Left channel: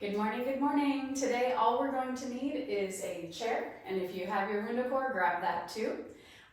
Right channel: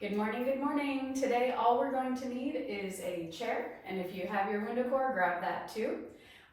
Good morning, good morning. Today all we're going to need is a chair, and if you have your WundaCore, grab that too.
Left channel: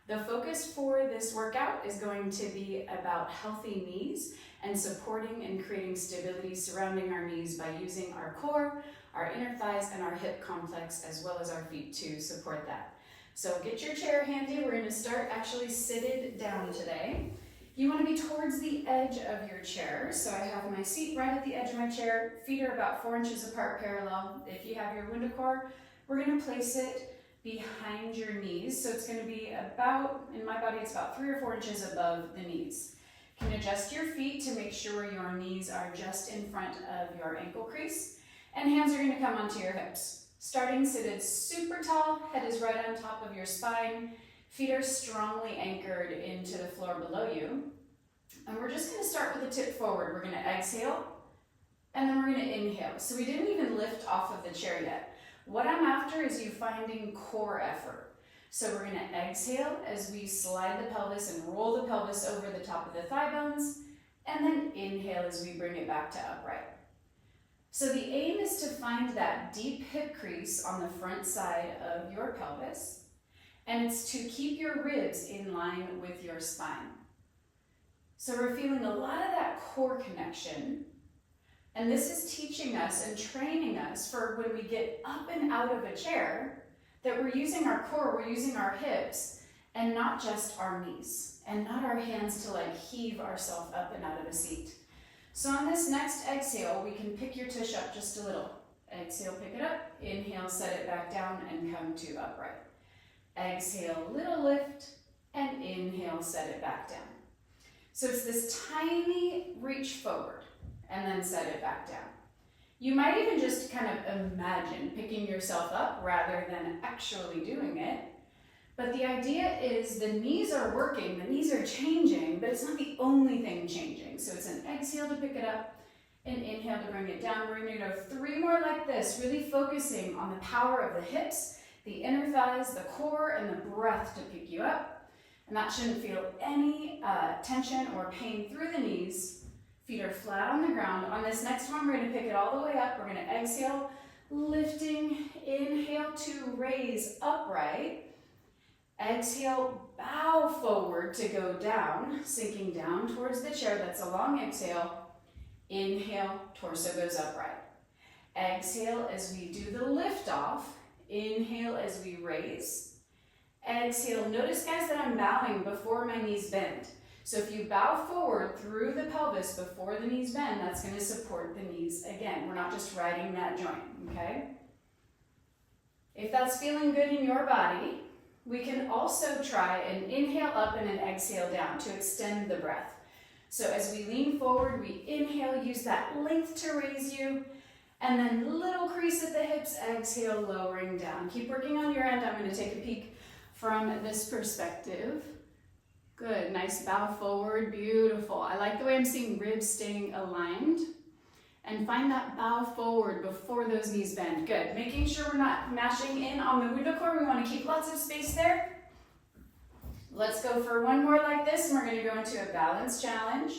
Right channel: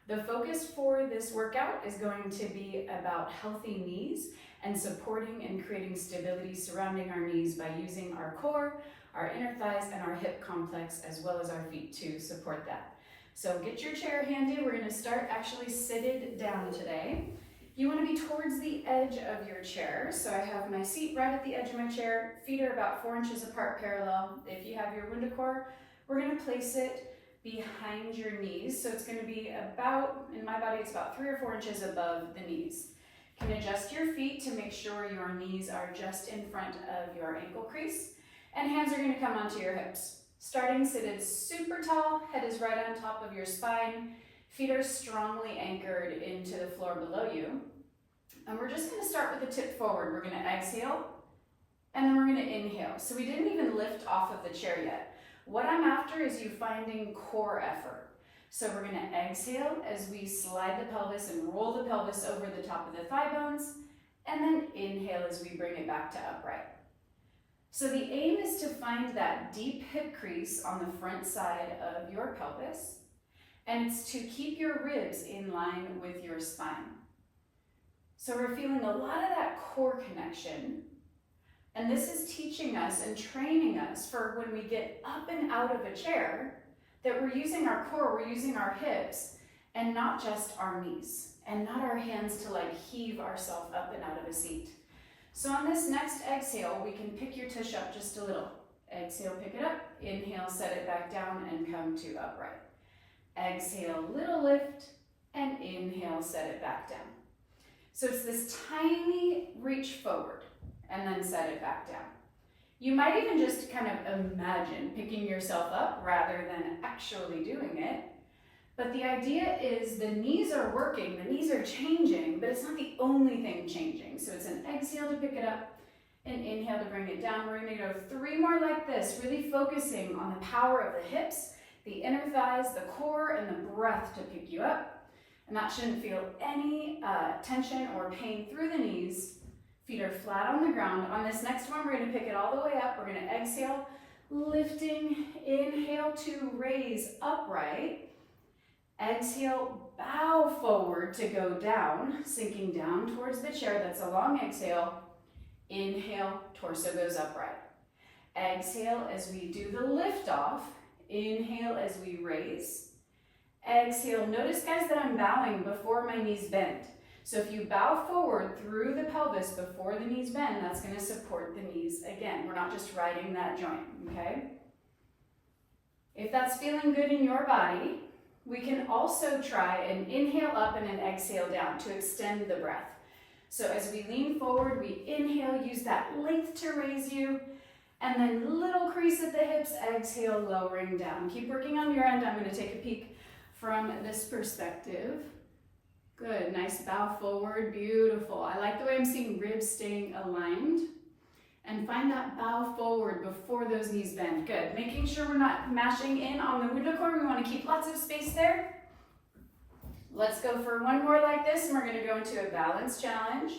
The focus for this workout is going to be about healthy knees and supporting and creating stability surrounding our knees by using our core, our inner thighs, and our hip complex, as well as our feet to support that. So get your chair handy. We're going to start actually seated down today. You want to be towards the edge of your chair. So I have my seat right at the edge of my chair. Feet are about 4 inches apart parallel. If you have your WundaCore, we're going to place it behind your knees. So it's going to be about, in my body, it's about 3 or 4 inches above the knees. You can adjust your feet to make sure your knees are just in front of your ankle crease. And hands are going to come onto your hips. Starting seated super tall, head is right on top of your spine. Feet are strongly anchored into the floor below you. And we're just going to start with a tip forward. We're going to exhale, and then we're going to inhale. So we didn't even lift off of the chair yet. What I'm after is you finding core effort. So we're going to exhale as we slide the pelvis and roll the pelvis over the top of the thigh bones, and then inhale as we bring it back to upright. So the aim is to find that deep hip crease on the front side of your pelvis. And it's to keep your ribs in line with your spine. So we're feeling a lot of that core connection. And this is teaching us and training us for when we get up and out of a chair, that we're using our core, we're using our hips, and not just our knees, and not our hands to like heave ourselves up and out of a seat. So on this next exhale, we can pick your tush up just a little. Exhale, pick it up. Inhale, set it back down and come to upright. Exhale, little lift, and inhale, set it back down. So it's this tiny reach forward, and then set it back down. You might even just kind of imagine picking yourself up rather than actually doing it. But the idea is the knees are working, the knees are changing, but it's not the only thing changing. So it's an exhale to pick it up, and inhale to bring it down. We're going to go 3 more like this, really focusing on the power of the hips, the inner thighs, the core, and the breath to pick you up. And that shouldn't feel any tension or pain through the knees. Feet are flat on the ground. On this next one, we're going to pick it all the way up. We're going to exhale, lifting, inhale to raise upright. Exhale, bow forward to go down, sinking down towards the chair. That's a long exhale. Inhale, torso goes upright. Exhale as we do the lift off. Inhale as we raise. Exhale. Notice, guys, that I'm bowing before my knees bend. So if you bow forward through the pelvis before the knees bend, that's going to support the knees again. We're not just riding that joint, okay? If that's feeling good in your body, we can also try an inhale up and an exhale down to extend the breath. So as we lean forward, we inhale, use that length to raise you. And then little crease at the hips, exhale, lowering down. Keep working on your end. I'm going to take a peek from this perspective. Good, nice bow forward, beautiful. I like the way I'm seeing ribs staying aligned. And find that bow forward before those knees bend. Good, making sure we're not mashing in on the WundaCore. We want to keep lots of space there. Let's go for 1 more like this, and we're going to go into a balance challenge.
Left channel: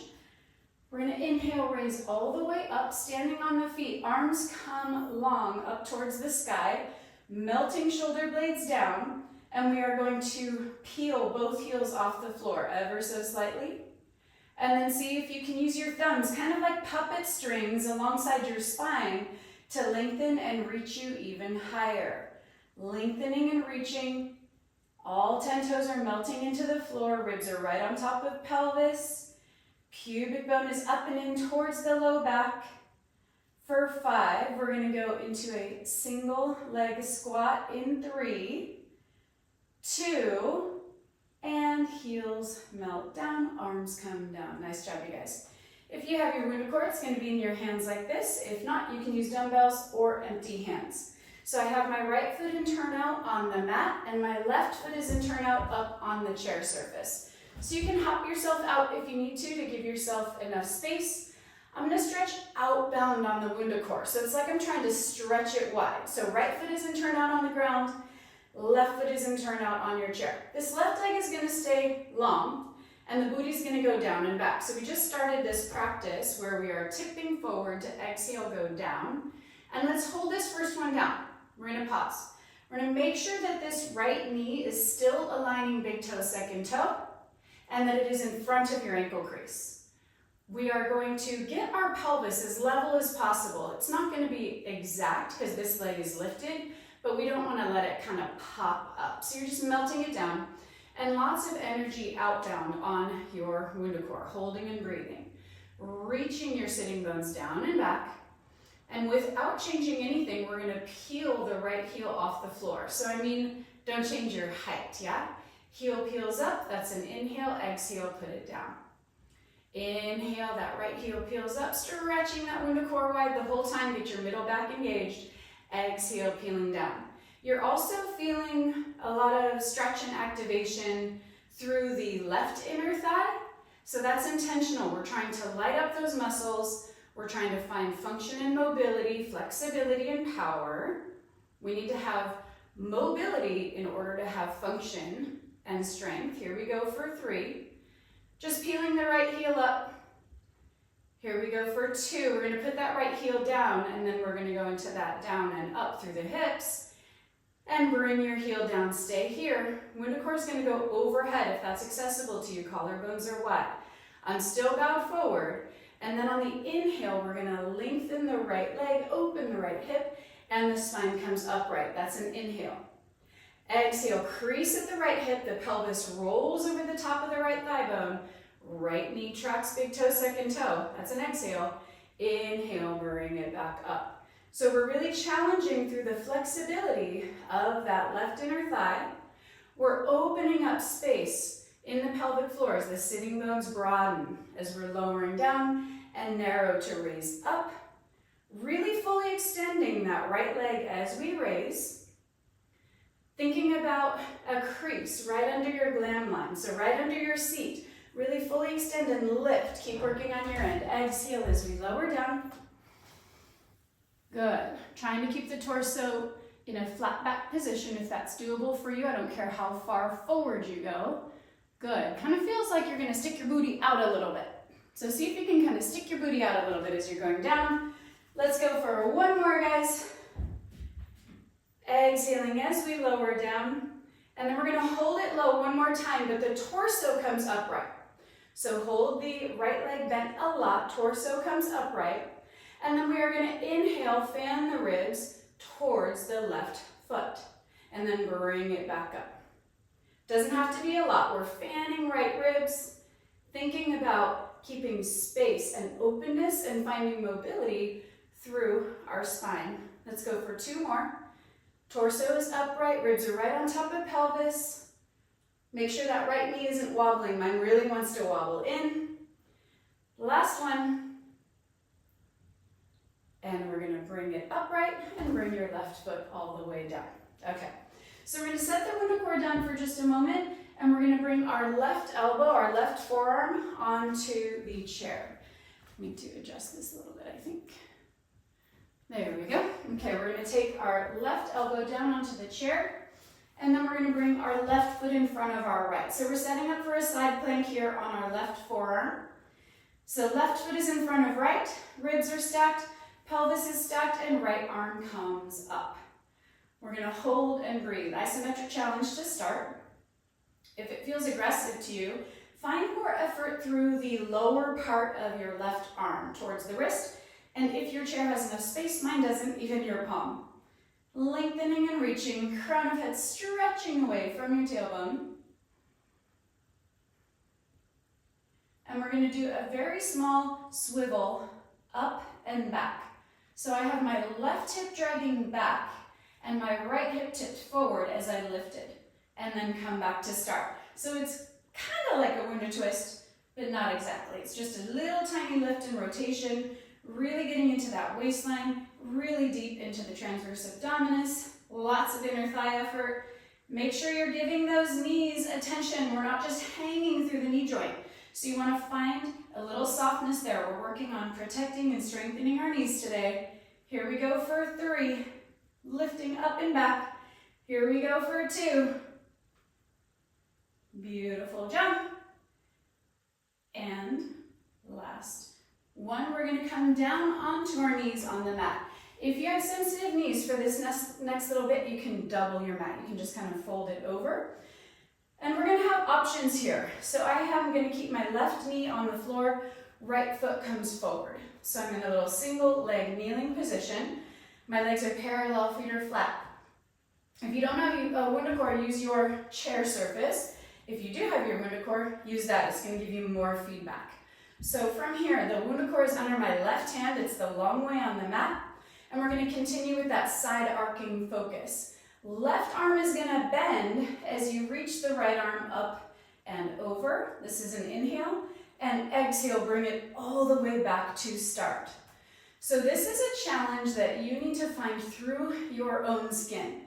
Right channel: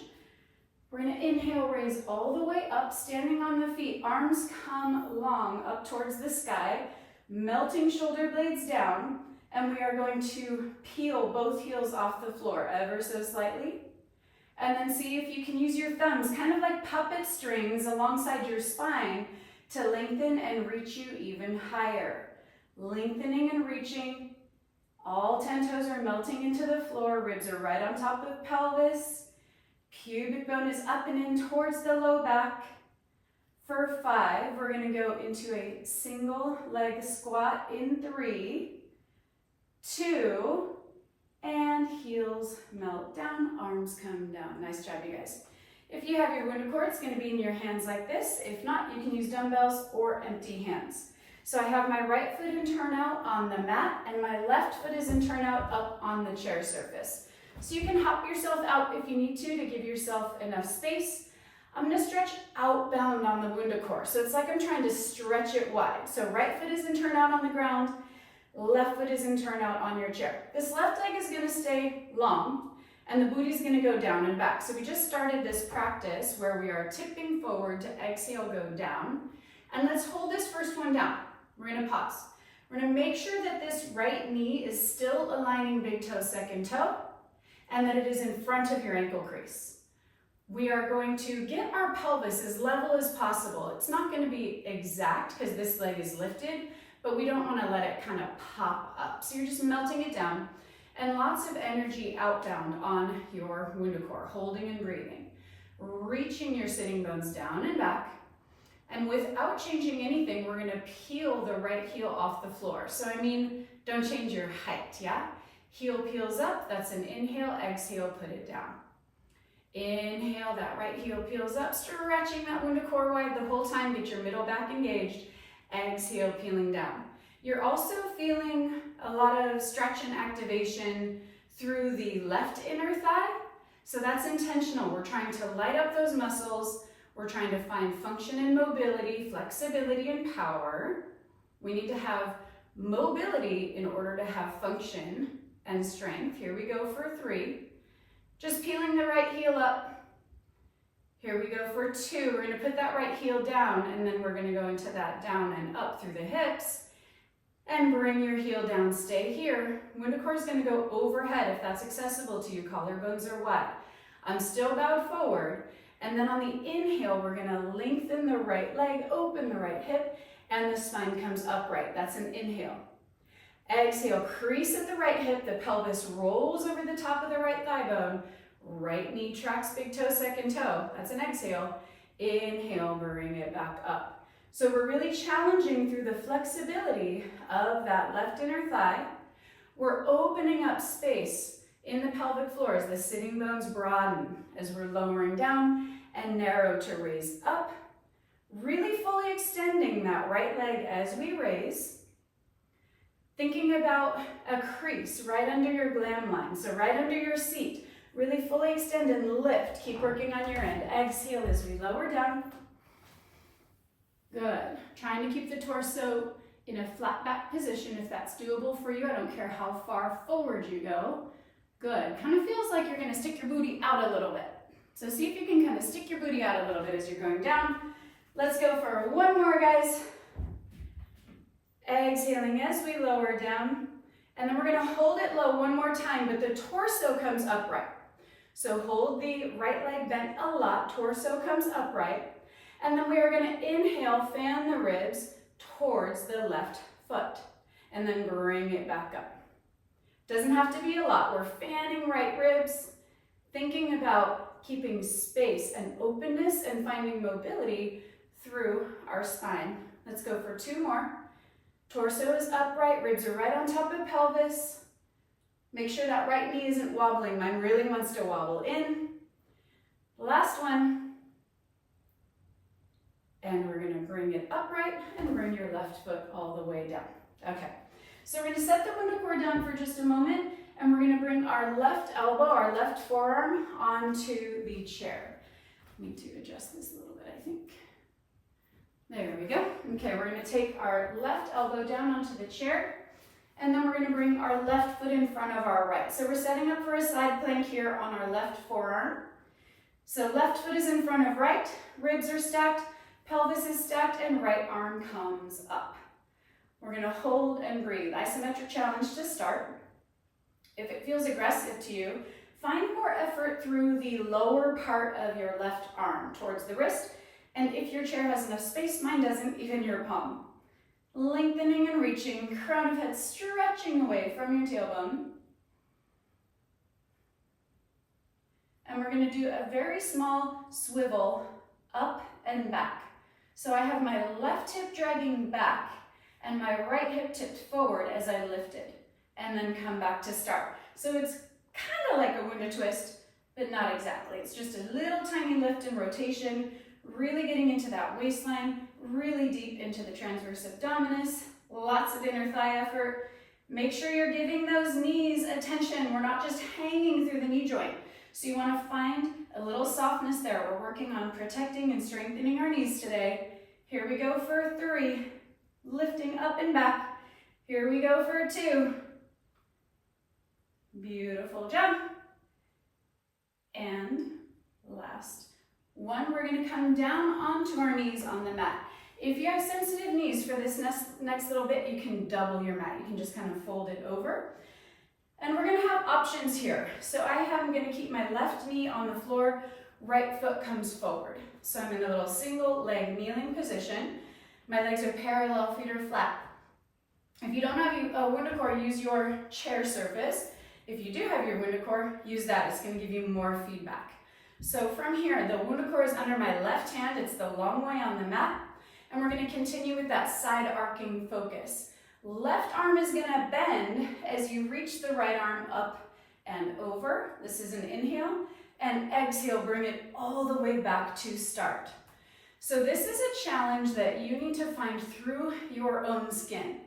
We're going to inhale, raise all the way up, standing on the feet. Arms come long up towards the sky, melting shoulder blades down, and we are going to peel both heels off the floor ever so slightly. And then see if you can use your thumbs, kind of like puppet strings alongside your spine, to lengthen and reach you even higher. Lengthening and reaching. All 10 toes are melting into the floor. Ribs are right on top of pelvis. Pubic bone is up and in towards the low back. For 5, we're going to go into a single leg squat in 3, 2, and heels melt down, arms come down. Nice job, you guys. If you have your WundaCore, it's going to be in your hands like this. If not, you can use dumbbells or empty hands. So I have my right foot in turnout on the mat, and my left foot is in turnout up on the chair surface. So you can hop yourself out if you need to give yourself enough space. I'm going to stretch outbound on the WundaCore. So it's like I'm trying to stretch it wide. So right foot is in turnout on the ground, left foot is in turnout on your chair. This left leg is going to stay long, and the booty is going to go down and back. So we just started this practice where we are tipping forward to exhale, go down. And let's hold this first one down. We're gonna pause. We're gonna make sure that this right knee is still aligning big toe, second toe, and that it is in front of your ankle crease. We are going to get our pelvis as level as possible. It's not gonna be exact because this leg is lifted, but we don't wanna let it kind of pop up. So you're just melting it down, and lots of energy out down on your WundaCore, holding and breathing. Reaching your sitting bones down and back. And without changing anything, we're gonna peel the right heel off the floor. So I mean, don't change your height, yeah? Heel peels up, that's an inhale, exhale, put it down. Inhale, that right heel peels up, stretching that WundaCore wide the whole time, get your middle back engaged. Exhale, peeling down. You're also feeling a lot of stretch and activation through the left inner thigh. So that's intentional. We're trying to light up those muscles. We're trying to find function and mobility, flexibility and power. We need to have mobility in order to have function and strength. Here we go for 3. Just peeling the right heel up. Here we go for 2. We're gonna put that right heel down, and then we're gonna go into that down and up through the hips. And bring your heel down, stay here. WundaCore is gonna go overhead if that's accessible to you. Collarbones are wide. I'm still bowed forward. And then on the inhale, we're gonna lengthen the right leg, open the right hip, and the spine comes upright. That's an inhale. Exhale, crease at the right hip, the pelvis rolls over the top of the right thigh bone. Right knee tracks big toe, second toe. That's an exhale. Inhale, bring it back up. So we're really challenging through the flexibility of that left inner thigh. We're opening up space in the pelvic floor as the sitting bones broaden, as we're lowering down and narrow to raise up. Really fully extending that right leg as we raise. Thinking about a crease right under your glam line, so right under your seat. Really fully extend and lift. Keep working on your end. Exhale as we lower down. Good. Trying to keep the torso in a flat back position if that's doable for you. I don't care how far forward you go. Good. Kind of feels like you're going to stick your booty out a little bit. So see if you can kind of stick your booty out a little bit as you're going down. Let's go for one more, guys. Exhaling as we lower down. And then we're going to hold it low one more time, but the torso comes upright. So hold the right leg bent a lot, torso comes upright. And then we are going to inhale, fan the ribs towards the left foot. And then bring it back up. Doesn't have to be a lot. We're fanning right ribs, thinking about keeping space and openness and finding mobility through our spine. Let's go for 2 more. Torso is upright, ribs are right on top of pelvis. Make sure that right knee isn't wobbling. Mine really wants to wobble in. Last one. And we're gonna bring it upright and bring your left foot all the way down. Okay, so we're gonna set the WundaCore down for just a moment, and we're gonna bring our left elbow, our left forearm onto the chair. Need to adjust this a little bit, I think. There we go. Okay, we're gonna take our left elbow down onto the chair, and then we're gonna bring our left foot in front of our right. So we're setting up for a side plank here on our left forearm. So left foot is in front of right, ribs are stacked, pelvis is stacked, and right arm comes up. We're gonna hold and breathe. Isometric challenge to start. If it feels aggressive to you, find more effort through the lower part of your left arm towards the wrist. And if your chair has enough space, mine doesn't, even your palm. Lengthening and reaching, crown of head stretching away from your tailbone. And we're gonna do a very small swivel up and back. So I have my left hip dragging back and my right hip tipped forward as I lifted, and then come back to start. So it's kind of like a Wunda twist, but not exactly. It's just a little tiny lift and rotation, really getting into that waistline, really deep into the transverse abdominis, lots of inner thigh effort. Make sure you're giving those knees attention. We're not just hanging through the knee joint. So you want to find a little softness there. We're working on protecting and strengthening our knees today. Here we go for 3, lifting up and back. Here we go for 2. Beautiful jump. And last one, we're going to come down onto our knees on the mat. If you have sensitive knees for this next little bit, you can double your mat. You can just kind of fold it over. And we're gonna have options here. So I'm gonna keep my left knee on the floor, right foot comes forward. So I'm in a little single leg kneeling position. My legs are parallel, feet are flat. If you don't have a WundaCore, use your chair surface. If you do have your WundaCore, use that. It's gonna give you more feedback. So from here, the WundaCore is under my left hand. It's the long way on the mat. And we're gonna continue with that side arcing focus. Left arm is gonna bend as you reach the right arm up and over. This is an inhale. And exhale, bring it all the way back to start. So this is a challenge that you need to find through your own skin.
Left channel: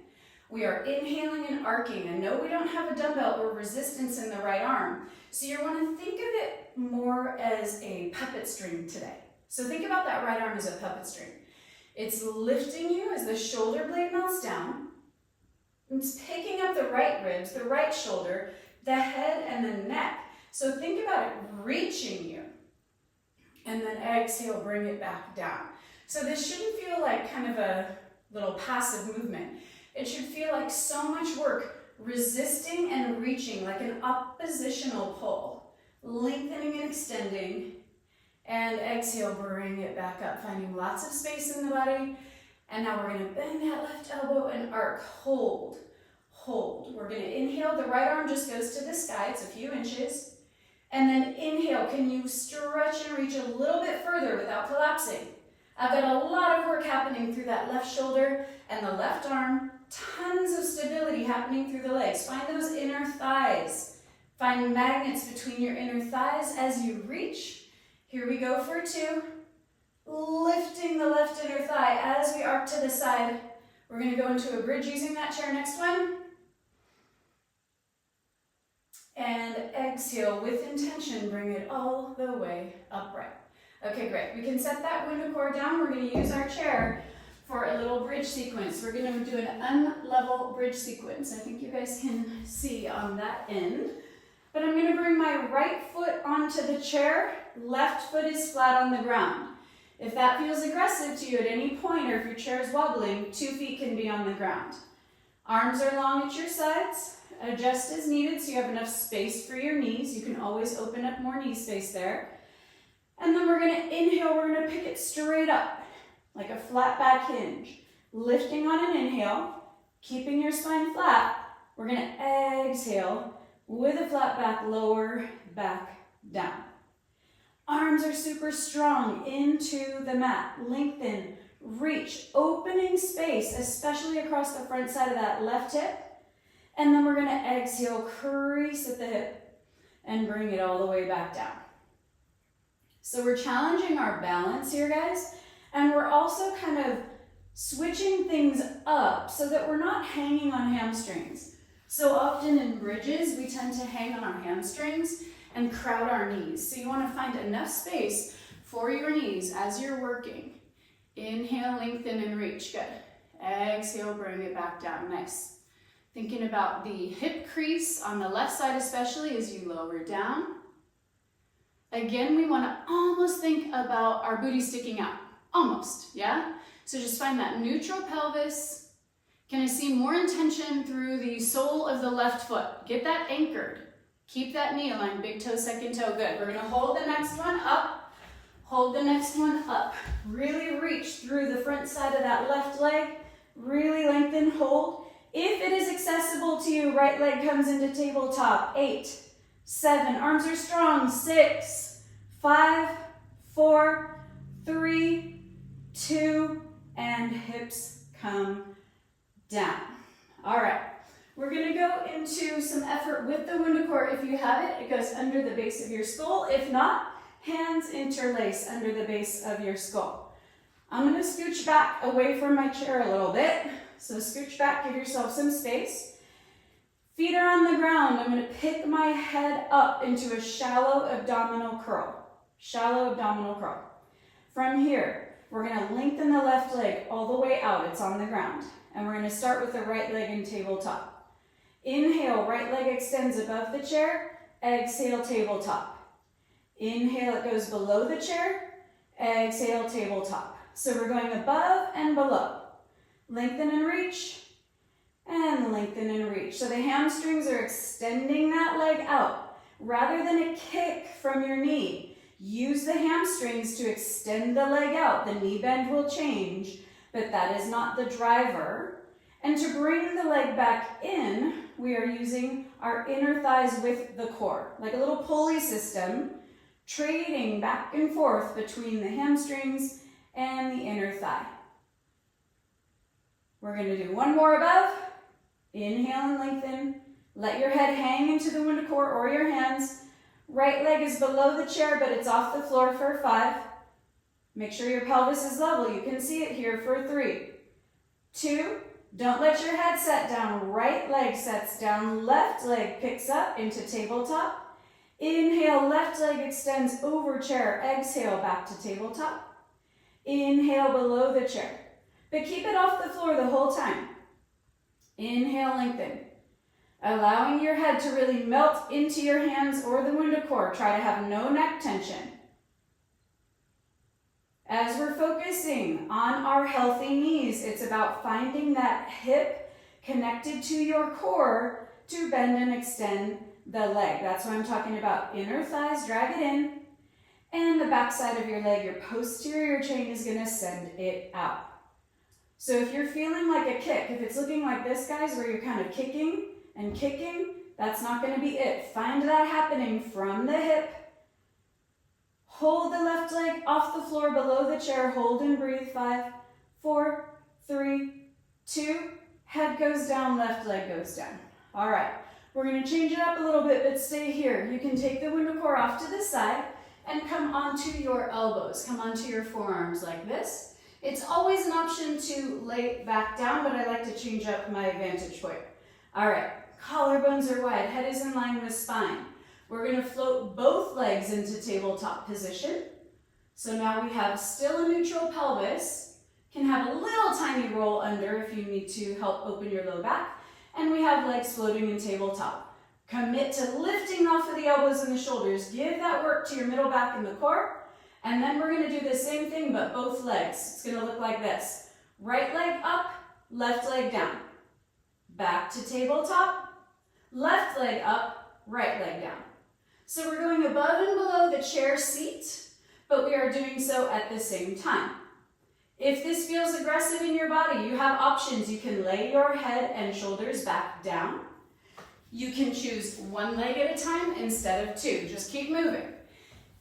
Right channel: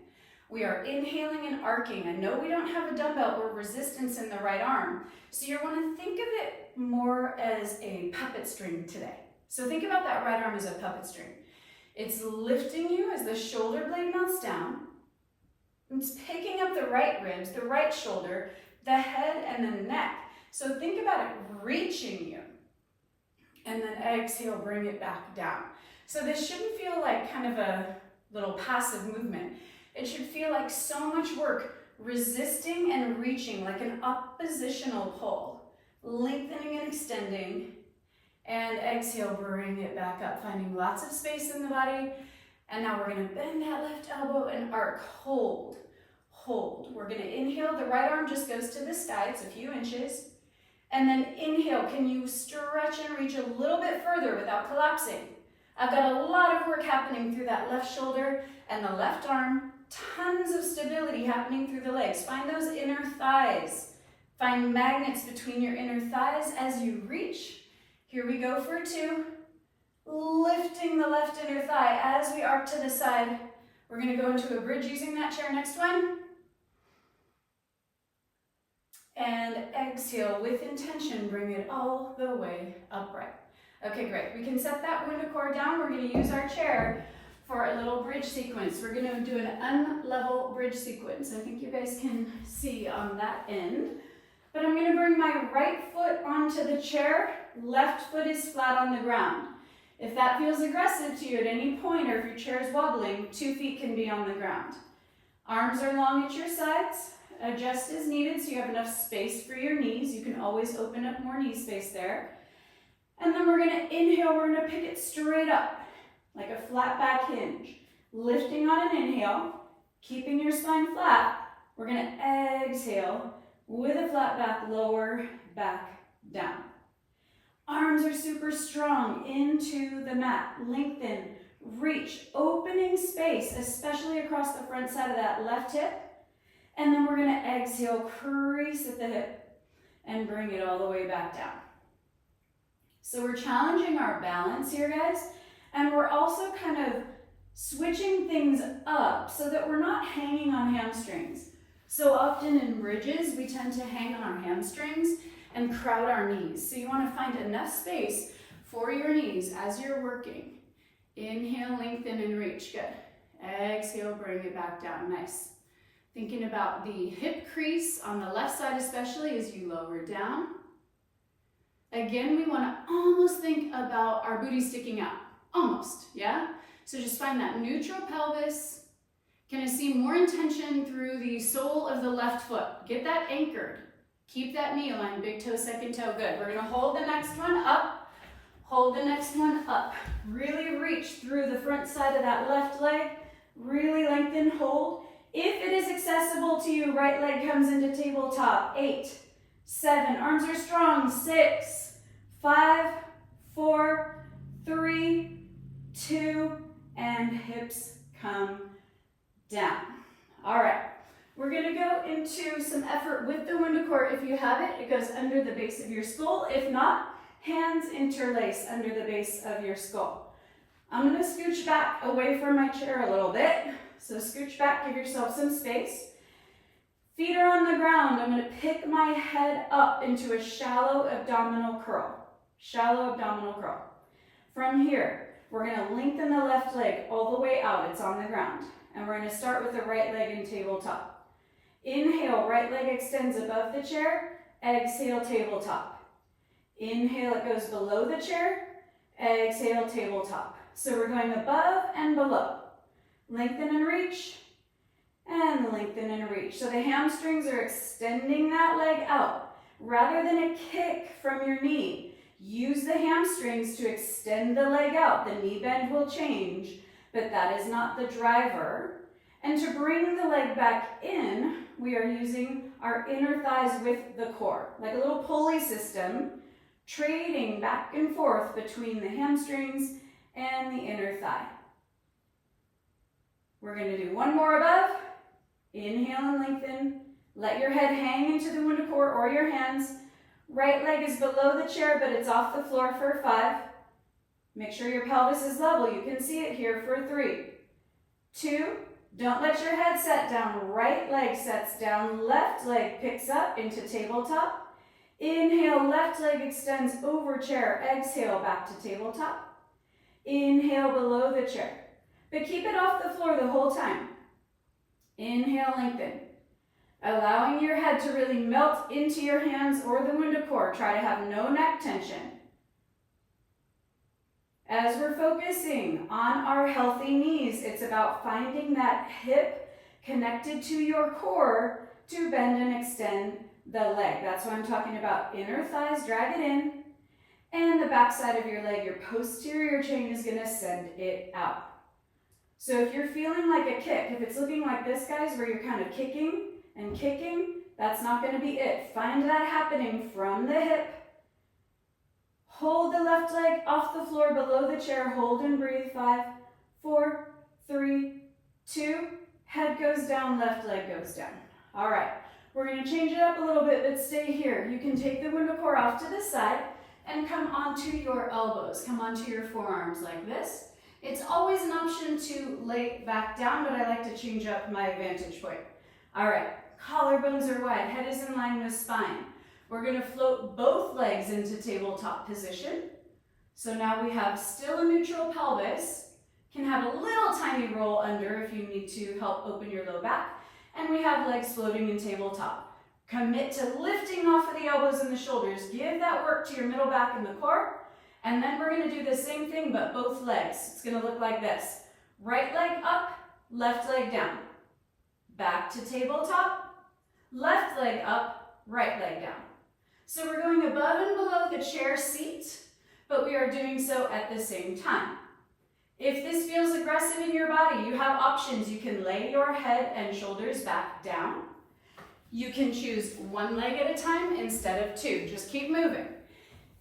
We are inhaling and arcing, and no, we don't have a dumbbell or resistance in the right arm. So you want to think of it more as a puppet string today. So think about that right arm as a puppet string. It's lifting you as the shoulder blade melts down. It's picking up the right ribs, the right shoulder, the head, and the neck. So think about it reaching you. And then exhale, bring it back down. So this shouldn't feel like kind of a little passive movement. It should feel like so much work, resisting and reaching, like an oppositional pull. Lengthening and extending. And exhale, bring it back up, finding lots of space in the body. And now we're gonna bend that left elbow and arc, hold, hold. We're gonna inhale, the right arm just goes to the sky, it's a few inches. And then inhale, can you stretch and reach a little bit further without collapsing? I've got a lot of work happening through that left shoulder and the left arm, tons of stability happening through the legs. Find those inner thighs. Find magnets between your inner thighs as you reach. Here we go for 2. Lifting the left inner thigh as we arc to the side. We're gonna go into a bridge using that chair, next one. And exhale with intention, bring it all the way upright. Okay, great. We can set that WundaCore down. We're going to use our chair for a little bridge sequence. We're going to do an unlevel bridge sequence. I think you guys can see on that end. But I'm going to bring my right foot onto the chair. Left foot is flat on the ground. If that feels aggressive to you at any point, or if your chair is wobbling, 2 feet can be on the ground. Arms are long at your sides. Adjust as needed so you have enough space for your knees. You can always open up more knee space there. And then we're gonna inhale, we're gonna pick it straight up, like a flat back hinge. Lifting on an inhale, keeping your spine flat. We're gonna exhale with a flat back, lower back down. Arms are super strong into the mat. Lengthen, reach, opening space, especially across the front side of that left hip. And then we're gonna exhale, crease at the hip, and bring it all the way back down. So we're challenging our balance here, guys, and we're also kind of switching things up so that we're not hanging on hamstrings. So often in bridges, we tend to hang on our hamstrings and crowd our knees. So you wanna find enough space for your knees as you're working. Inhale, lengthen, and reach, good. Exhale, bring it back down, nice. Thinking about the hip crease on the left side especially as you lower down. Again, we want to almost think about our booty sticking out. Almost, yeah? So just find that neutral pelvis. Can I see more intention through the sole of the left foot? Get that anchored. Keep that knee aligned, big toe, second toe, good. We're going to hold the next one up. Hold the next one up. Really reach through the front side of that left leg. Really lengthen, hold. If it is accessible to you, right leg comes into tabletop. 8, 7, arms are strong. 6, 5, 4, 3, 2, and hips come down. All right, we're gonna go into some effort with the WundaCore. If you have it, it goes under the base of your skull. If not, hands interlace under the base of your skull. I'm gonna scooch back away from my chair a little bit. So scooch back, give yourself some space. Feet are on the ground. I'm going to pick my head up into a shallow abdominal curl. Shallow abdominal curl. From here, we're going to lengthen the left leg all the way out. It's on the ground. And we're going to start with the right leg in tabletop. Inhale, right leg extends above the chair. Exhale, tabletop. Inhale, it goes below the chair. Exhale, tabletop. So we're going above and below. Lengthen and reach, and lengthen and reach. So the hamstrings are extending that leg out. Rather than a kick from your knee, use the hamstrings to extend the leg out. The knee bend will change, but that is not the driver. And to bring the leg back in, we are using our inner thighs with the core, like a little pulley system, trading back and forth between the hamstrings and the inner thigh. We're going to do one more above. Inhale and lengthen. Let your head hang into the WundaCore or your hands. Right leg is below the chair, but it's off the floor for 5. Make sure your pelvis is level. You can see it here for 3, 2, don't let your head set down. Right leg sets down, left leg picks up into tabletop. Inhale, left leg extends over chair. Exhale, back to tabletop. Inhale below the chair, but keep it off the floor the whole time. Inhale, lengthen. Allowing your head to really melt into your hands or the WundaCore. Try to have no neck tension. As we're focusing on our healthy knees, it's about finding that hip connected to your core to bend and extend the leg. That's what I'm talking about. Inner thighs, drag it in, and the back side of your leg, your posterior chain is going to send it out. So if you're feeling like a kick, if it's looking like this, guys, where you're kind of kicking and kicking, that's not going to be it. Find that happening from the hip. Hold the left leg off the floor below the chair. Hold and breathe. 5, 4, 3, 2. Head goes down, left leg goes down. All right, we're going to change it up a little bit, but stay here. You can take the WundaCore off to the side and come onto your elbows. Come onto your forearms like this. It's always an option to lay back down, but I like to change up my vantage point. All right, collarbones are wide, head is in line with spine. We're going to float both legs into tabletop position. So now we have still a neutral pelvis, can have a little tiny roll under if you need to help open your low back, and we have legs floating in tabletop. Commit to lifting off of the elbows and the shoulders. Give that work to your middle back and the core. And then we're going to do the same thing, but both legs. It's going to look like this. Right leg up, left leg down. Back to tabletop, left leg up, right leg down. So we're going above and below the chair seat, but we are doing so at the same time. If this feels aggressive in your body, you have options. You can lay your head and shoulders back down. You can choose one leg at a time instead of 2. Just keep moving.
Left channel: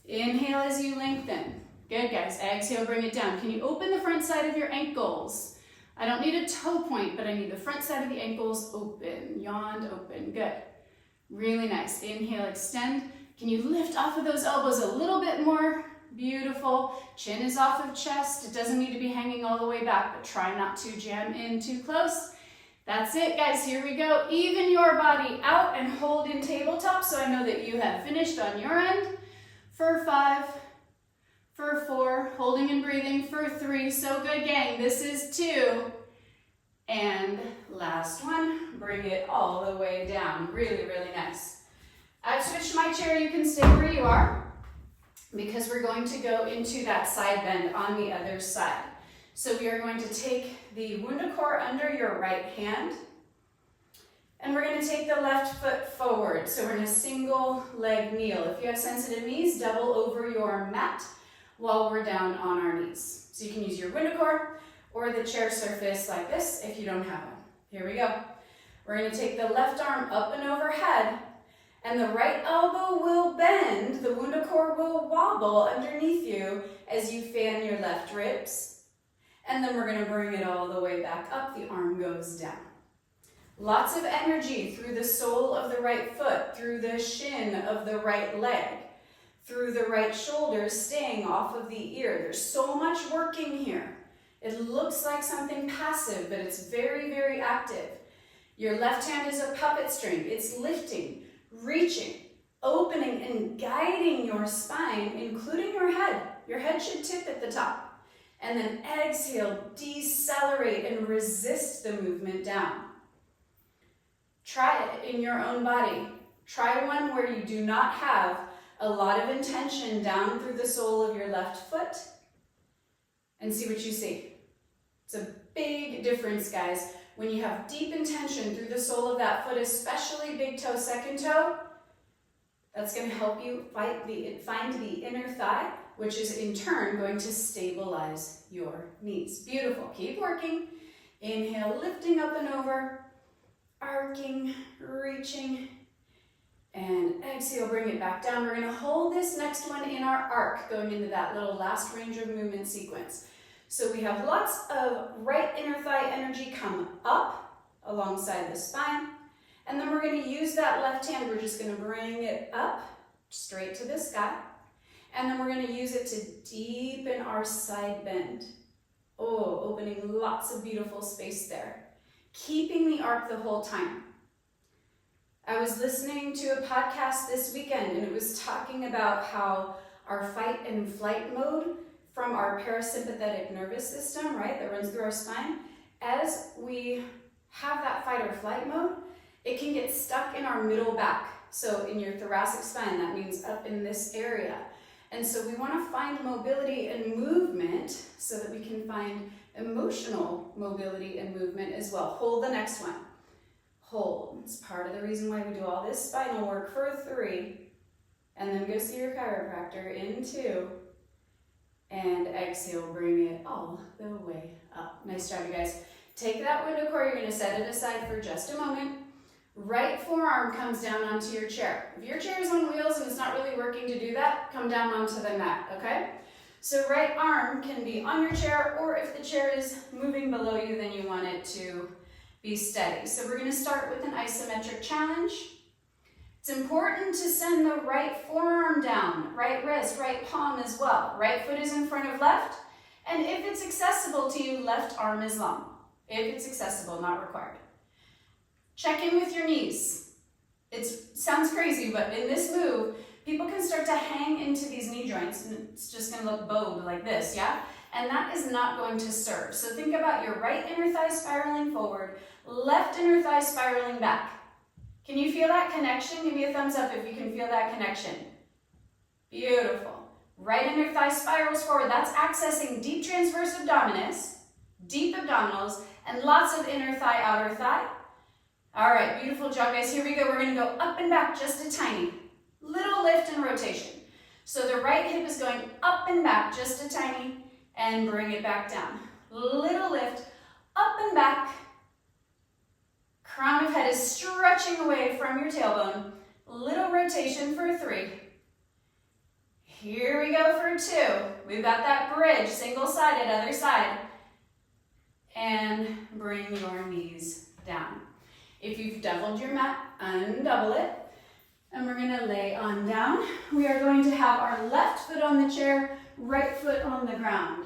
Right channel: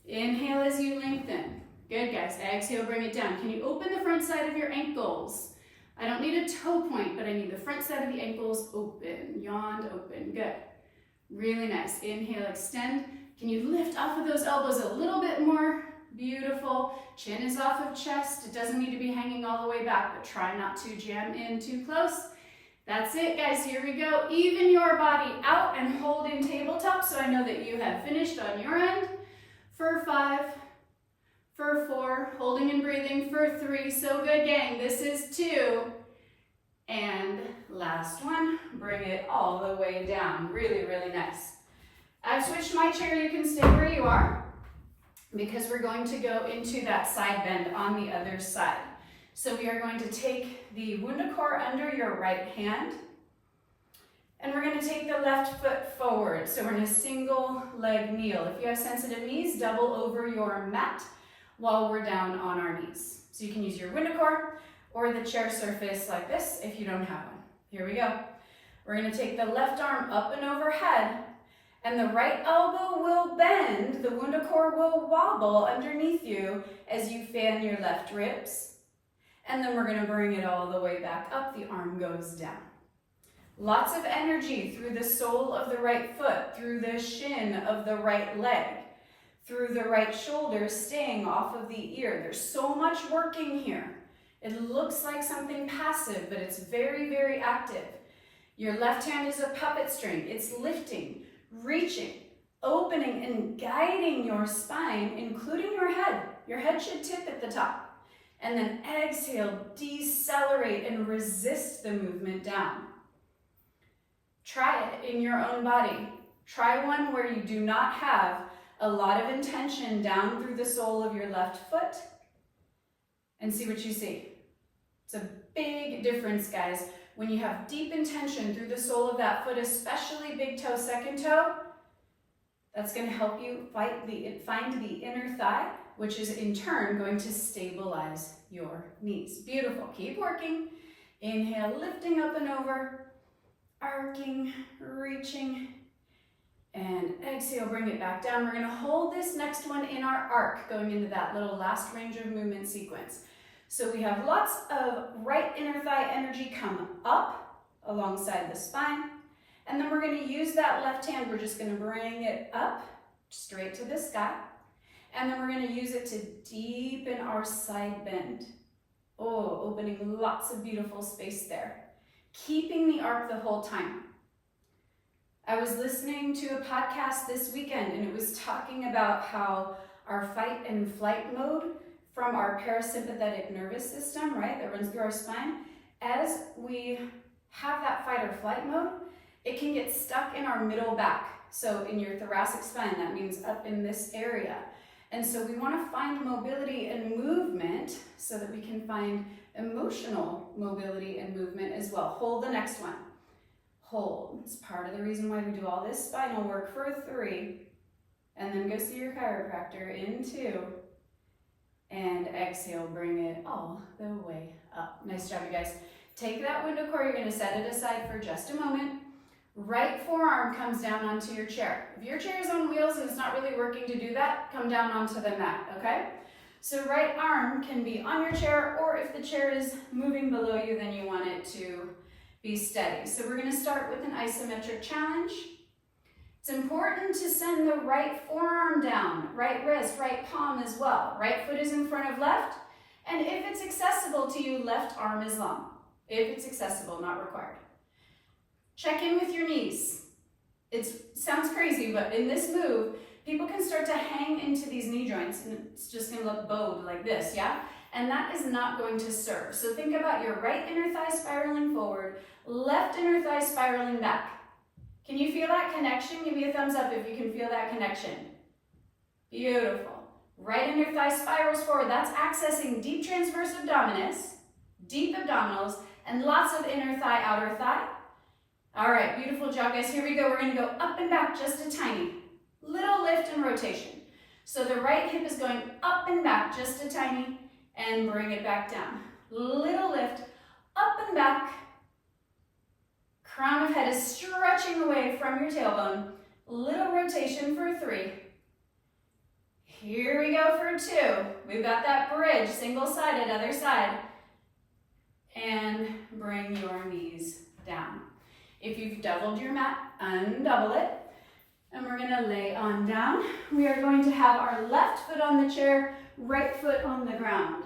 Inhale as you lengthen. Good, guys. Exhale, bring it down. Can you open the front side of your ankles? I don't need a toe point, but I need the front side of the ankles open. Yawned, open. Good. Really nice. Inhale, extend. Can you lift off of those elbows a little bit more? Beautiful. Chin is off of chest. It doesn't need to be hanging all the way back, but try not to jam in too close. That's it, guys. Here we go. Even your body out and hold in tabletop so I know that you have finished on your end. For 5, for 4, holding and breathing for 3. So good, gang. This is 2. And last one, bring it all the way down. Really, really nice. I've switched my chair. You can stay where you are because we're going to go into that side bend on the other side. So we are going to take the WundaCore under your right hand, and we're going to take the left foot forward. So we're in a single leg kneel. If you have sensitive knees, double over your mat while we're down on our knees. So you can use your WundaCore or the chair surface like this if you don't have one. Here we go. We're going to take the left arm up and overhead, and the right elbow will bend. The WundaCore will wobble underneath you as you fan your left ribs. And then we're going to bring it all the way back up. The arm goes down. Lots of energy through the sole of the right foot, through the shin of the right leg, through the right shoulder, staying off of the ear. There's so much working here. It looks like something passive, but it's very, very active. Your left hand is a puppet string. It's lifting, reaching, opening, and guiding your spine, including your head. Your head should tip at the top. And then exhale, decelerate, and resist the movement down. Try it in your own body. Try one where you do not have a lot of intention down through the sole of your left foot. and see what you see. It's a big difference, guys. When you have deep intention through the sole of that foot, especially big toe, second toe, that's going to help you find the inner thigh, which is in turn going to stabilize your knees. Beautiful. Keep working. Inhale, lifting up and over, arcing, reaching, and exhale, bring it back down. We're going to hold this next one in our arc, going into that little last range of movement sequence. So we have lots of right inner thigh energy come up alongside the spine. And then we're going to use that left hand. We're just going to bring it up straight to the sky. And then we're going to use it to deepen our side bend. Oh, opening lots of beautiful space there. Keeping the arc the whole time. I was listening to a podcast this weekend, and it was talking about how our fight and flight mode from our parasympathetic nervous system, right, that runs through our spine, as we have that fight or flight mode, it can get stuck in our middle back. So in your thoracic spine, that means up in this area. And so we want to find mobility and movement so that we can find emotional mobility and movement as well. Hold the next one. Hold. It's part of the reason why we do all this spinal work for 3. And then go see your chiropractor in 2. And exhale, bring it all the way up. Nice job, you guys. Take that WundaCore, you're going to set it aside for just a moment. Right forearm comes down onto your chair. If your chair is on wheels and it's not really working to do that, come down onto the mat, okay? So right arm can be on your chair, or if the chair is moving below you, then you want it to be steady. So we're going to start with an isometric challenge. It's important to send the right forearm down, right wrist, right palm as well. Right foot is in front of left, and if it's accessible to you, left arm is long. If it's accessible, not required. Check in with your knees. It sounds crazy, but in this move, people can start to hang into these knee joints, and it's just going to look bowed like this, yeah? And that is not going to serve. So think about your right inner thigh spiraling forward, left inner thigh spiraling back. Can you feel that connection? Give me a thumbs up if you can feel that connection. Beautiful. Right inner thigh spirals forward. That's accessing deep transverse abdominis, deep abdominals, and lots of inner thigh, outer thigh. All right, beautiful job, guys. Here we go. We're going to go up and back just a tiny. Little lift and rotation. So the right hip is going up and back just a tiny, and bring it back down. Little lift, up and back. Crown of head is stretching away from your tailbone. Little rotation for 3. Here we go for 2. We've got that bridge, single-sided, other side. And bring your knees down. If you've doubled your mat, undouble it. And we're going to lay on down. We are going to have our left foot on the chair, right foot on the ground.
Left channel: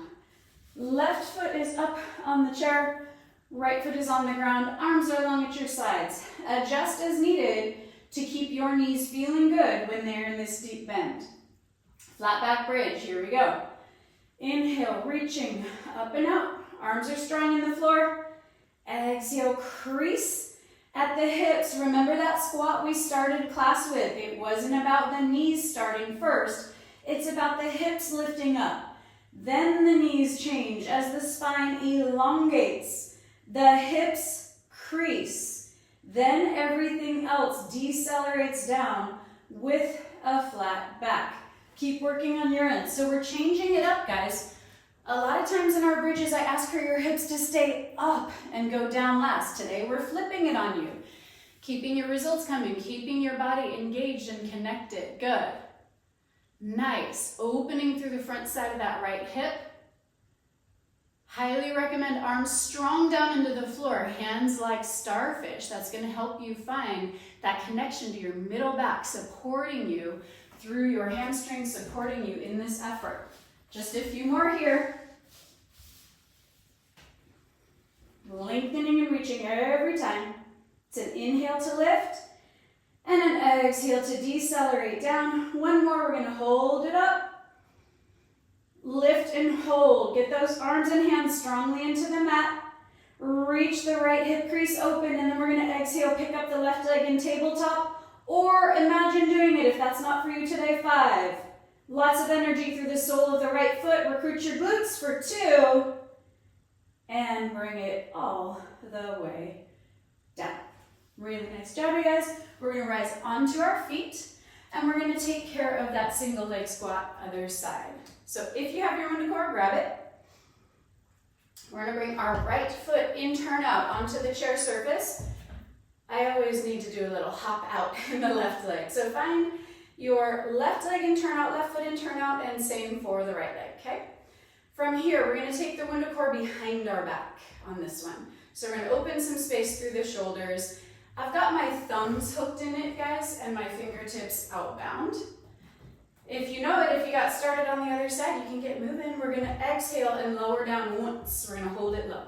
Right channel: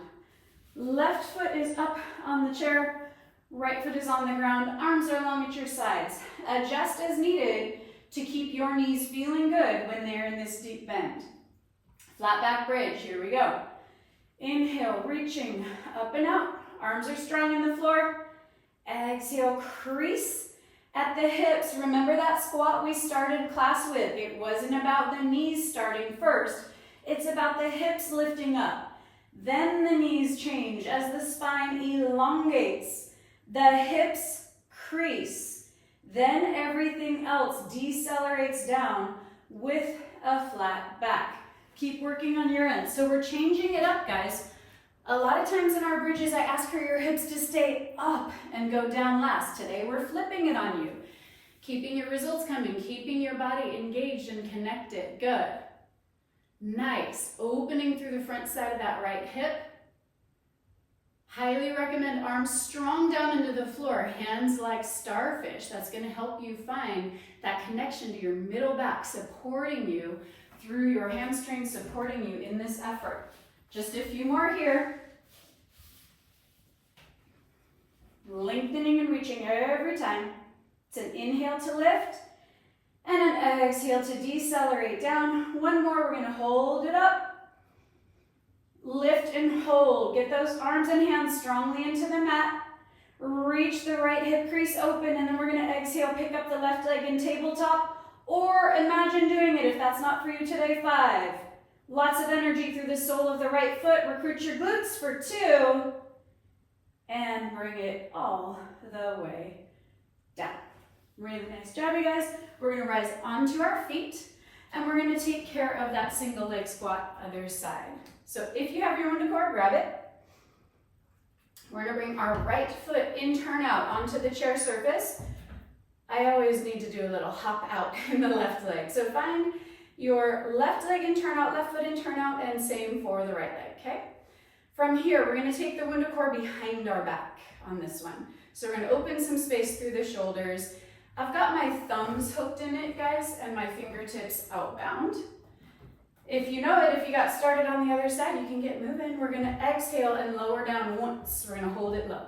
Left foot is up on the chair, right foot is on the ground, arms are along at your sides. Adjust as needed to keep your knees feeling good when they're in this deep bend. Flat back bridge, here we go. Inhale, reaching up and out. Arms are strong in the floor. Exhale, crease at the hips. Remember that squat we started class with. It wasn't about the knees starting first. It's about the hips lifting up. Then the knees change as the spine elongates. The hips crease. Then everything else decelerates down with a flat back. Keep working on your end. So we're changing it up, guys. A lot of times in our bridges, I ask for your hips to stay up and go down last. Today, we're flipping it on you. Keeping your results coming, keeping your body engaged and connected. Good. Nice. Opening through the front side of that right hip. Highly recommend arms strong down into the floor, hands like starfish. That's going to help you find that connection to your middle back, supporting you through your hamstrings, supporting you in this effort. Just a few more here. Lengthening and reaching every time. It's an inhale to lift and an exhale to decelerate down. One more, we're going to hold it up. Lift and hold. Get those arms and hands strongly into the mat. Reach the right hip crease open, and then we're going to exhale, pick up the left leg in tabletop, or imagine doing it if that's not for you today. 5, Lots of energy through the sole of the right foot. Recruit your glutes for 2. And bring it all the way down. Really nice job, you guys. We're going to rise onto our feet, and we're going to take care of that single leg squat other side. So if you have your WundaCore, grab it. We're going to bring our right foot in, turn out onto the chair surface. I always need to do a little hop out in the left leg. So find your left leg in, turn out, left foot in, turn out, and same for the right leg, okay? From here, we're going to take the WundaCore behind our back on this one. So we're going to open some space through the shoulders. I've got my thumbs hooked in it, guys, and my fingertips outbound. If you know it, if you got started on the other side, you can get moving. We're going to exhale and lower down once. We're going to hold it low.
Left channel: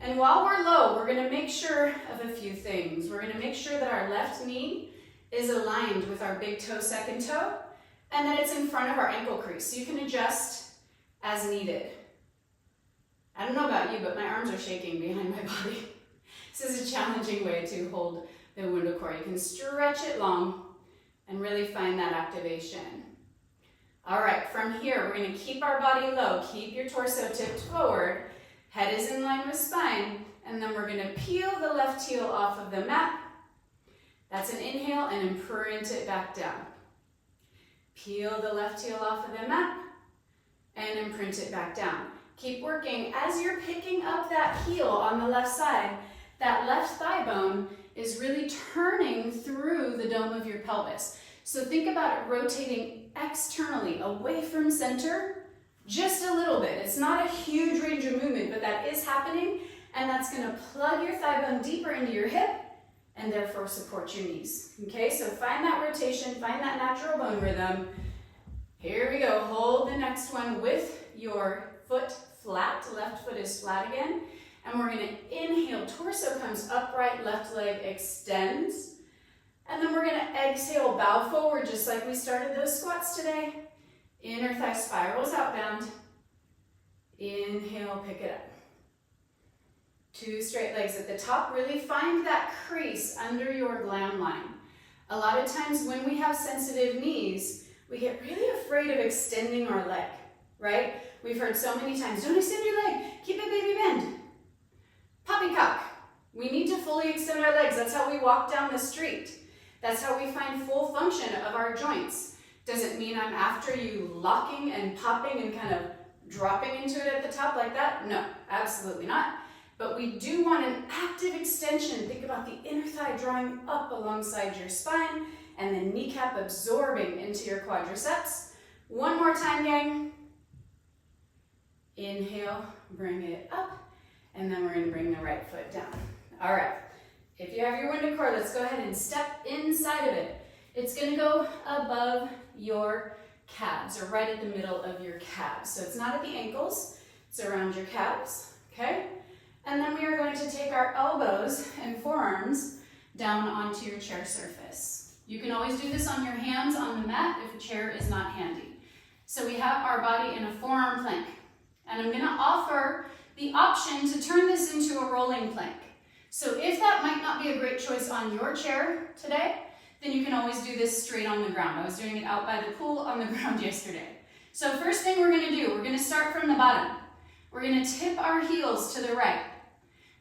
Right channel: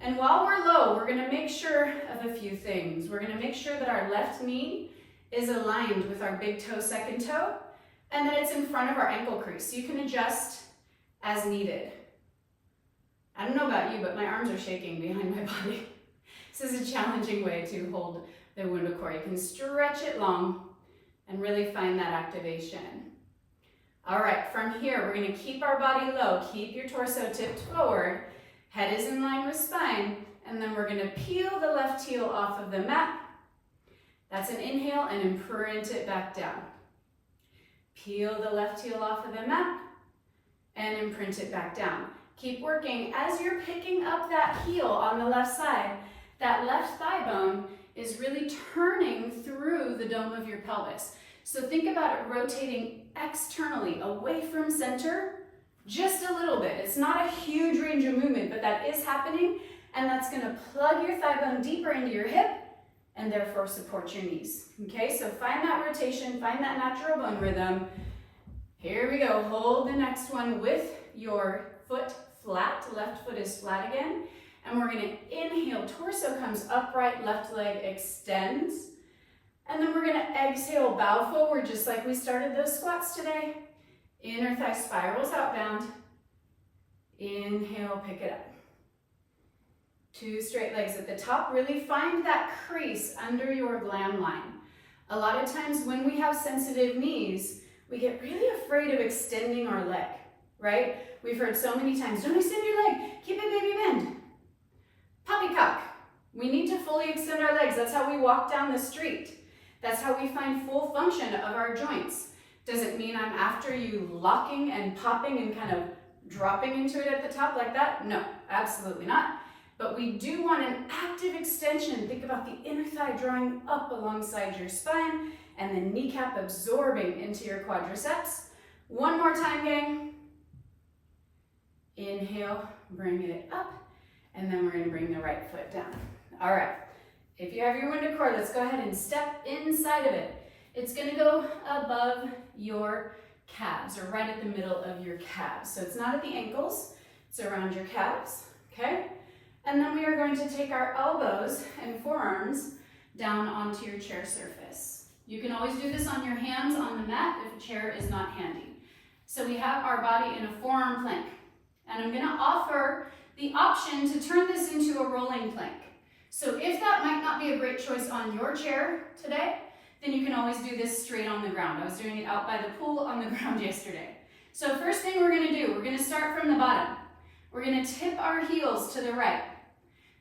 And while we're low, we're going to make sure of a few things. We're going to make sure that our left knee is aligned with our big toe, second toe, and that it's in front of our ankle crease. So you can adjust as needed. I don't know about you, but my arms are shaking behind my body. This is a challenging way to hold the WundaCore. You can stretch it long and really find that activation. All right, from here, we're going to keep our body low. Keep your torso tipped forward. Head is in line with spine. And then we're going to peel the left heel off of the mat. That's an inhale, and imprint it back down. Peel the left heel off of the mat and imprint it back down. Keep working. As you're picking up that heel on the left side, that left thigh bone is really turning through the dome of your pelvis. So think about it rotating externally, away from center, just a little bit. It's not a huge range of movement, but that is happening, and that's going to plug your thigh bone deeper into your hip and therefore support your knees. Okay, so find that rotation, find that natural bone rhythm. Here we go. Hold the next one with your foot flat. Left foot is flat again. And we're going to inhale, torso comes upright, left leg extends. And then we're going to exhale, bow forward just like we started those squats today. Inner thigh spirals outbound. Inhale, pick it up. 2 straight legs at the top. Really find that crease under your glam line. A lot of times when we have sensitive knees, we get really afraid of extending our leg, right? We've heard so many times, don't extend your leg, keep it baby bend. Poppycock. We need to fully extend our legs. That's how we walk down the street. That's how we find full function of our joints. Does it mean I'm after you locking and popping and kind of dropping into it at the top like that? No, absolutely not. But we do want an active extension. Think about the inner thigh drawing up alongside your spine and the kneecap absorbing into your quadriceps. One more time, gang. Inhale, bring it up, and then we're going to bring the right foot down. All right, if you have your WundaCore, let's go ahead and step inside of it. It's going to go above your calves, or right at the middle of your calves. So it's not at the ankles, it's around your calves, okay? And then we are going to take our elbows and forearms down onto your chair surface. You can always do this on your hands on the mat if a chair is not handy. So we have our body in a forearm plank. And I'm going to offer the option to turn this into a rolling plank. So if that might not be a great choice on your chair today, then you can always do this straight on the ground. I was doing it out by the pool on the ground yesterday. So first thing we're going to do, we're going to start from the bottom. We're going to tip our heels to the right.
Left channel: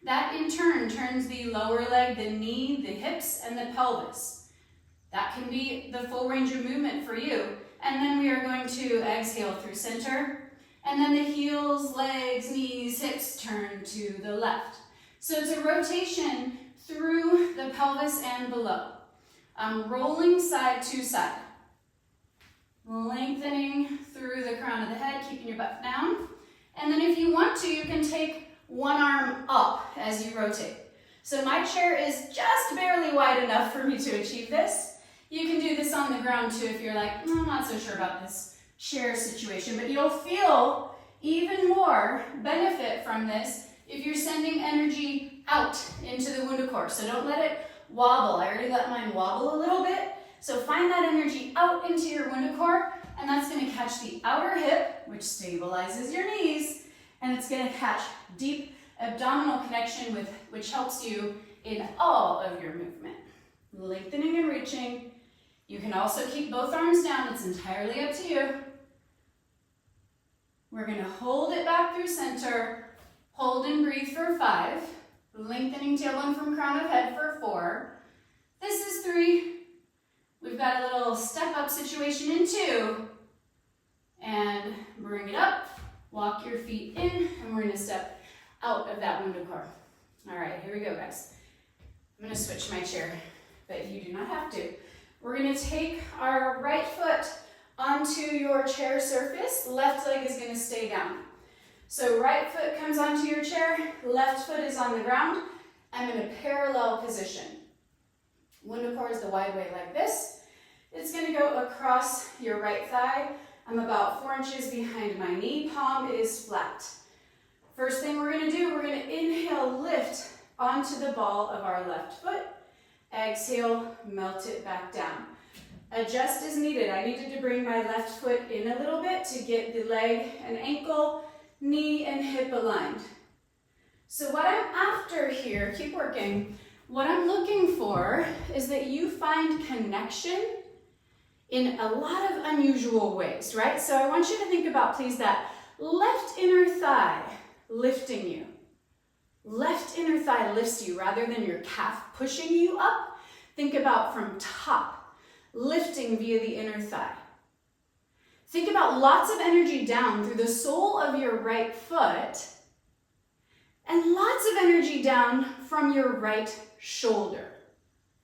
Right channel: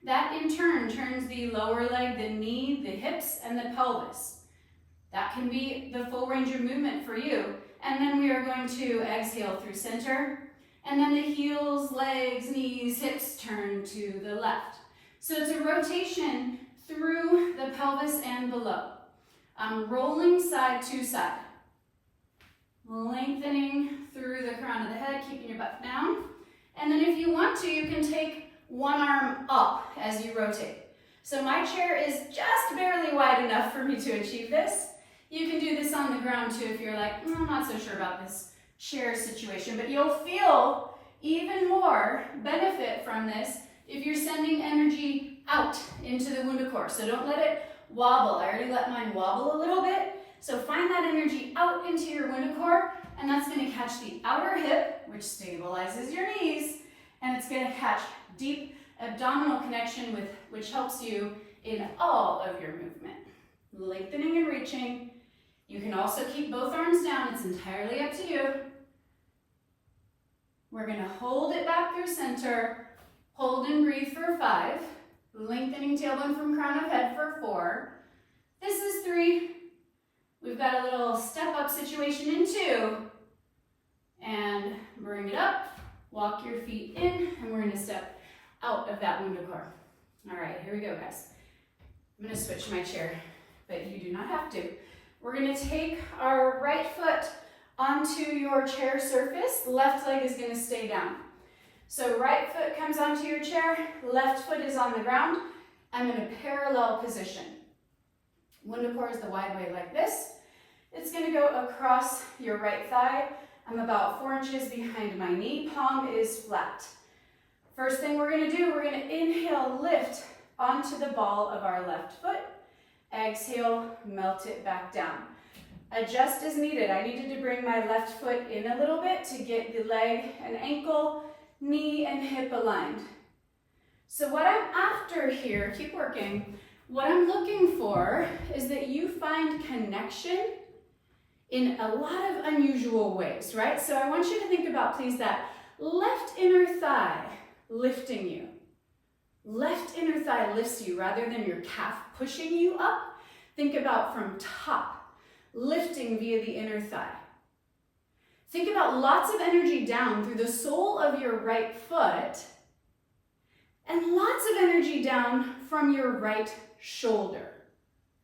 That in turn turns the lower leg, the knee, the hips, and the pelvis. That can be the full range of movement for you. And then we are going to exhale through center. And then the heels, legs, knees, hips turn to the left. So it's a rotation through the pelvis and below. I'm rolling side to side. Lengthening through the crown of the head, keeping your butt down. And then if you want to, you can take one arm up as you rotate. So my chair is just barely wide enough for me to achieve this. You can do this on the ground too if you're like, I'm not so sure about this chair situation, but you'll feel even more benefit from this if you're sending energy out into the WundaCore. So don't let it wobble. I already let mine wobble a little bit. So find that energy out into your WundaCore, and that's going to catch the outer hip, which stabilizes your knees, and it's going to catch deep abdominal connection, which helps you in all of your movement. Lengthening and reaching, You can also keep both arms down. It's entirely up to you. We're going to hold it back through center. Hold and breathe for 5. Lengthening tailbone from crown of head for 4. This is 3. We've got a little step up situation in 2. And bring it up. Walk your feet in. And we're going to step out of that WundaCore. All right, here we go, guys. I'm going to switch my chair, but you do not have to. We're going to take our right foot onto your chair surface. Left leg is going to stay down. So right foot comes onto your chair, left foot is on the ground. I'm in a parallel position. WundaCore is the wide way like this. It's going to go across your right thigh. I'm about 4 inches behind my knee. Palm is flat. First thing we're going to do, we're going to inhale, lift onto the ball of our left foot. Exhale, melt it back down. Adjust as needed. I needed to bring my left foot in a little bit to get the leg and ankle, knee and hip aligned. So what I'm after here, keep working, what I'm looking for is that you find connection in a lot of unusual ways, right? So I want you to think about, please, that left inner thigh lifting you. Left inner thigh lifts you rather than your calf pushing you up. Think about from top, lifting via the inner thigh. Think about lots of energy down through the sole of your right foot and lots of energy down from your right shoulder.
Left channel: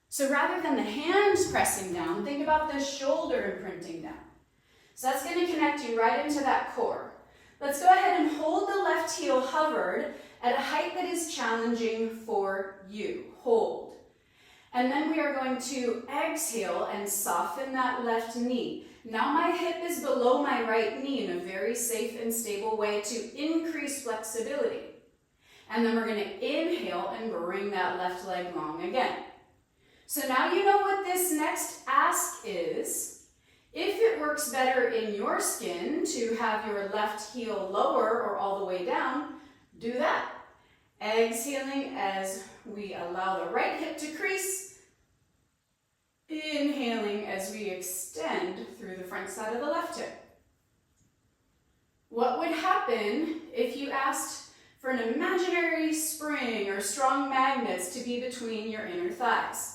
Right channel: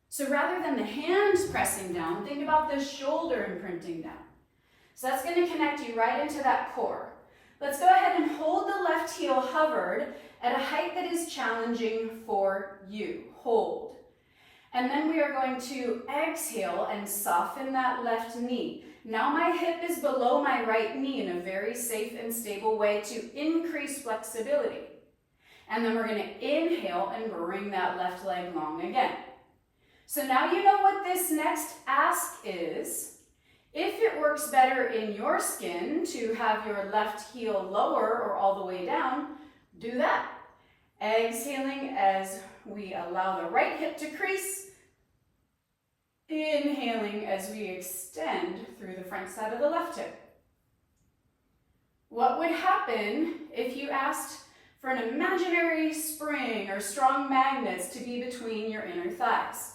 So rather than the hands pressing down, think about the shoulder imprinting down. So that's going to connect you right into that core. Let's go ahead and hold the left heel hovered at a height that is challenging for you. Hold. And then we are going to exhale and soften that left knee. Now my hip is below my right knee in a very safe and stable way to increase flexibility. And then we're going to inhale and bring that left leg long again. So now you know what this next ask is. If it works better in your skin to have your left heel lower or all the way down, do that. Exhaling as we allow the right hip to crease. Inhaling as we extend through the front side of the left hip. What would happen if you asked for an imaginary spring or strong magnets to be between your inner thighs?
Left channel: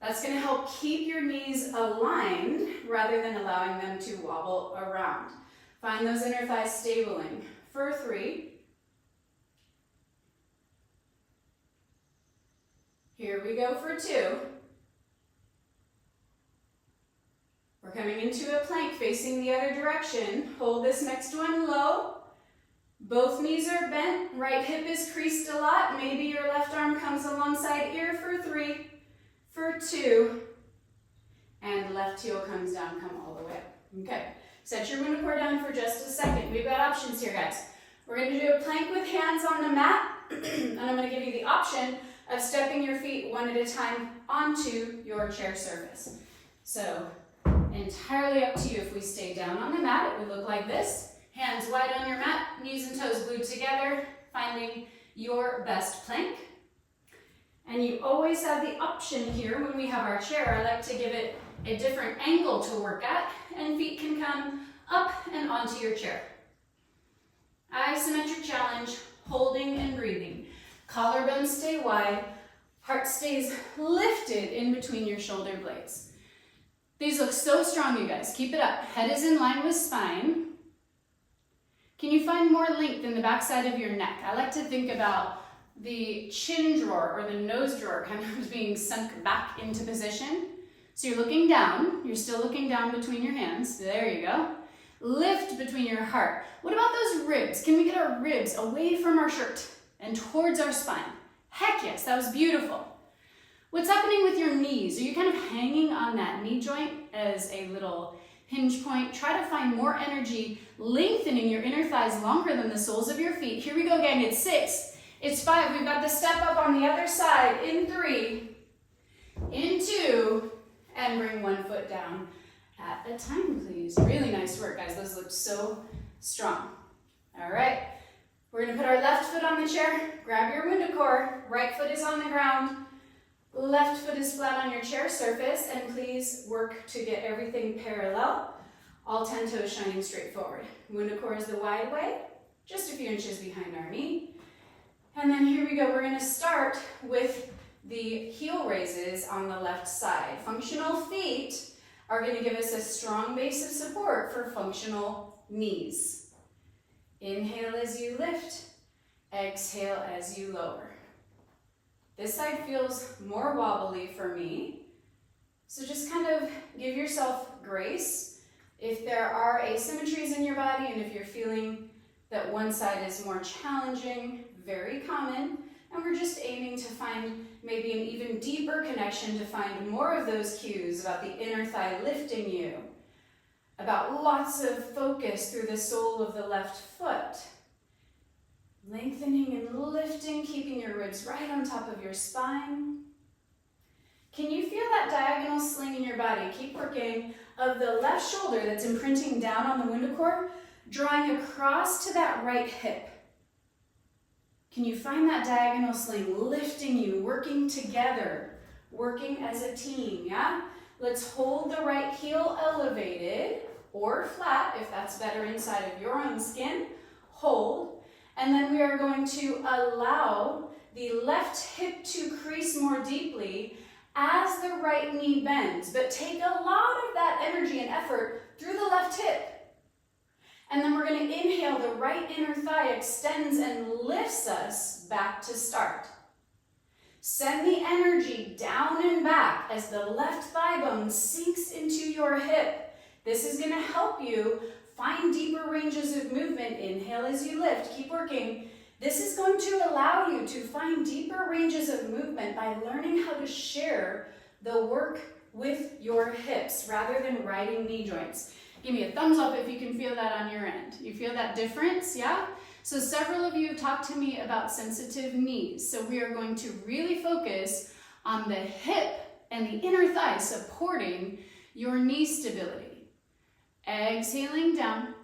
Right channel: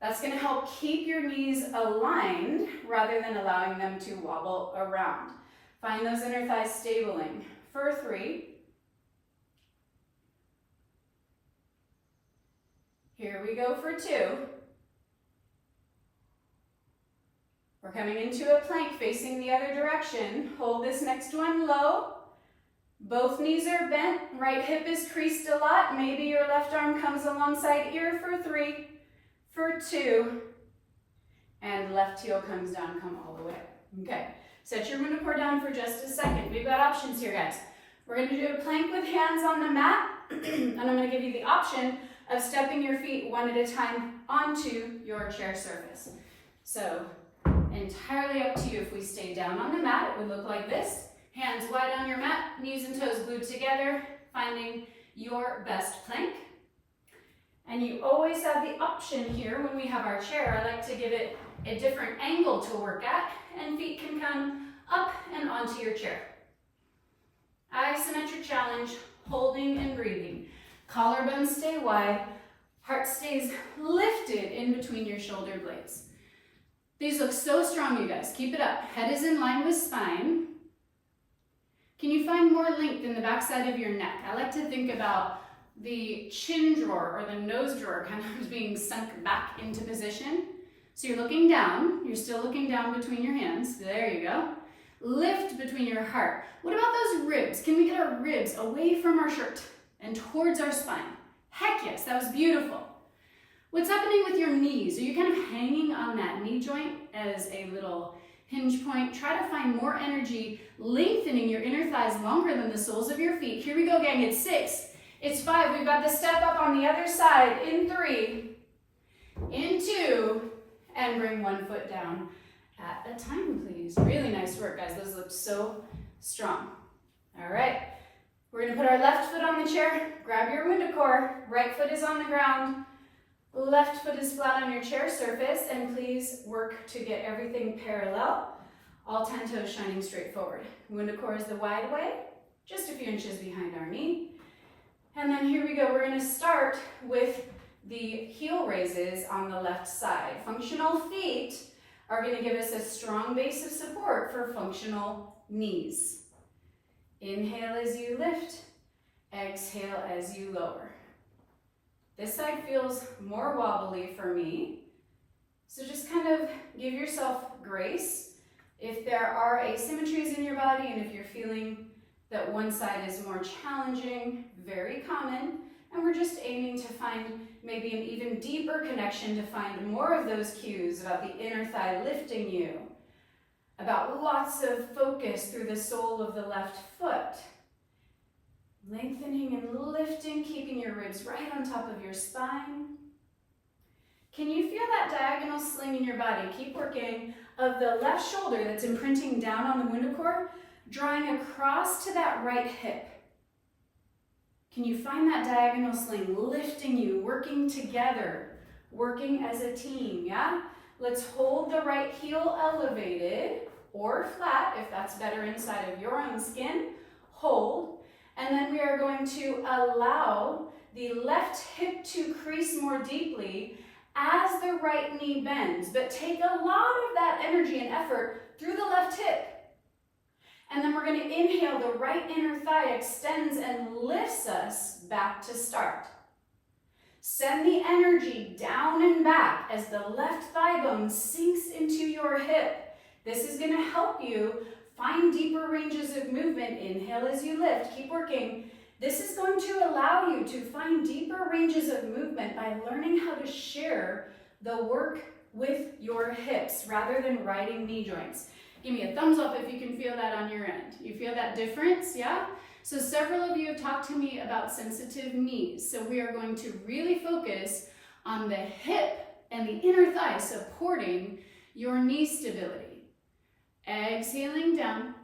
That's going to help keep your knees aligned rather than allowing them to wobble around. Find those inner thighs stabling for 3. Here we go for 2. We're coming into a plank facing the other direction. Hold this next one low. Both knees are bent. Right hip is creased a lot. Maybe your left arm comes alongside ear for 3. For 2, and left heel comes down, come all the way up. Okay, set your WundaCore down for just a second. We've got options here, guys. We're going to do a plank with hands on the mat, and I'm going to give you the option of stepping your feet one at a time onto your chair surface. So, entirely up to you. If we stay down on the mat, it would look like this. Hands wide on your mat, knees and toes glued together, finding your best plank. And you always have the option here when we have our chair. I like to give it a different angle to work at, and feet can come up and onto your chair. Isometric challenge, holding and breathing. Collarbones stay wide, heart stays lifted in between your shoulder blades. These look so strong, you guys. Keep it up. Head is in line with spine. Can you find more length in the backside of your neck? I like to think about the chin drawer or the nose drawer kind of being sunk back into position. So you're looking down. You're still looking down between your hands. There you go. Lift between your heart. What about those ribs? Can we get our ribs away from our shirt and towards our spine? Heck yes, that was beautiful. What's happening with your knees? Are you kind of hanging on that knee joint as a little hinge point? Try to find more energy, lengthening your inner thighs longer than the soles of your feet. Here we go, gang. It's 6. It's 5. We've got the step up on the other side in 3, in 2, and bring one foot down at a time, please. Really nice work, guys. Those look so strong. All right. We're going to put our left foot on the chair. Grab your WundaCore. Right foot is on the ground. Left foot is flat on your chair surface, and please work to get everything parallel. All 10 toes shining straight forward. WundaCore is the wide way, just a few inches behind our knee. And then here we go. We're going to start with the heel raises on the left side. Functional feet are going to give us a strong base of support for functional knees. Inhale as you lift, exhale as you lower. This side feels more wobbly for me, so just kind of give yourself grace. If there are asymmetries in your body and if you're feeling that one side is more challenging, very common, and we're just aiming to find maybe an even deeper connection to find more of those cues about the inner thigh lifting you, about lots of focus through the sole of the left foot. Lengthening and lifting, keeping your ribs right on top of your spine. Can you feel that diagonal sling in your body? Keep working of the left shoulder that's imprinting down on the WundaCore, drawing across to that right hip. Can you find that diagonal sling lifting you, working together, working as a team, yeah? Let's hold the right heel elevated or flat if that's better inside of your own skin. Hold. And then we are going to allow the left hip to crease more deeply as the right knee bends, but take a lot of that energy and effort through the left hip. And then we're going to inhale, the right inner thigh extends and lifts us back to start. Send the energy down and back as the left thigh bone sinks into your hip. This is going to help you find deeper ranges of movement. Inhale as you lift, keep working. This is going to allow you to find deeper ranges of movement by learning how to share the work with your hips rather than riding knee joints. Give me a thumbs up if you can feel that on your end. You feel that difference, yeah? So several of you have talked to me about sensitive knees. So we are going to really focus on the hip and the inner thigh supporting your knee stability. Exhaling down,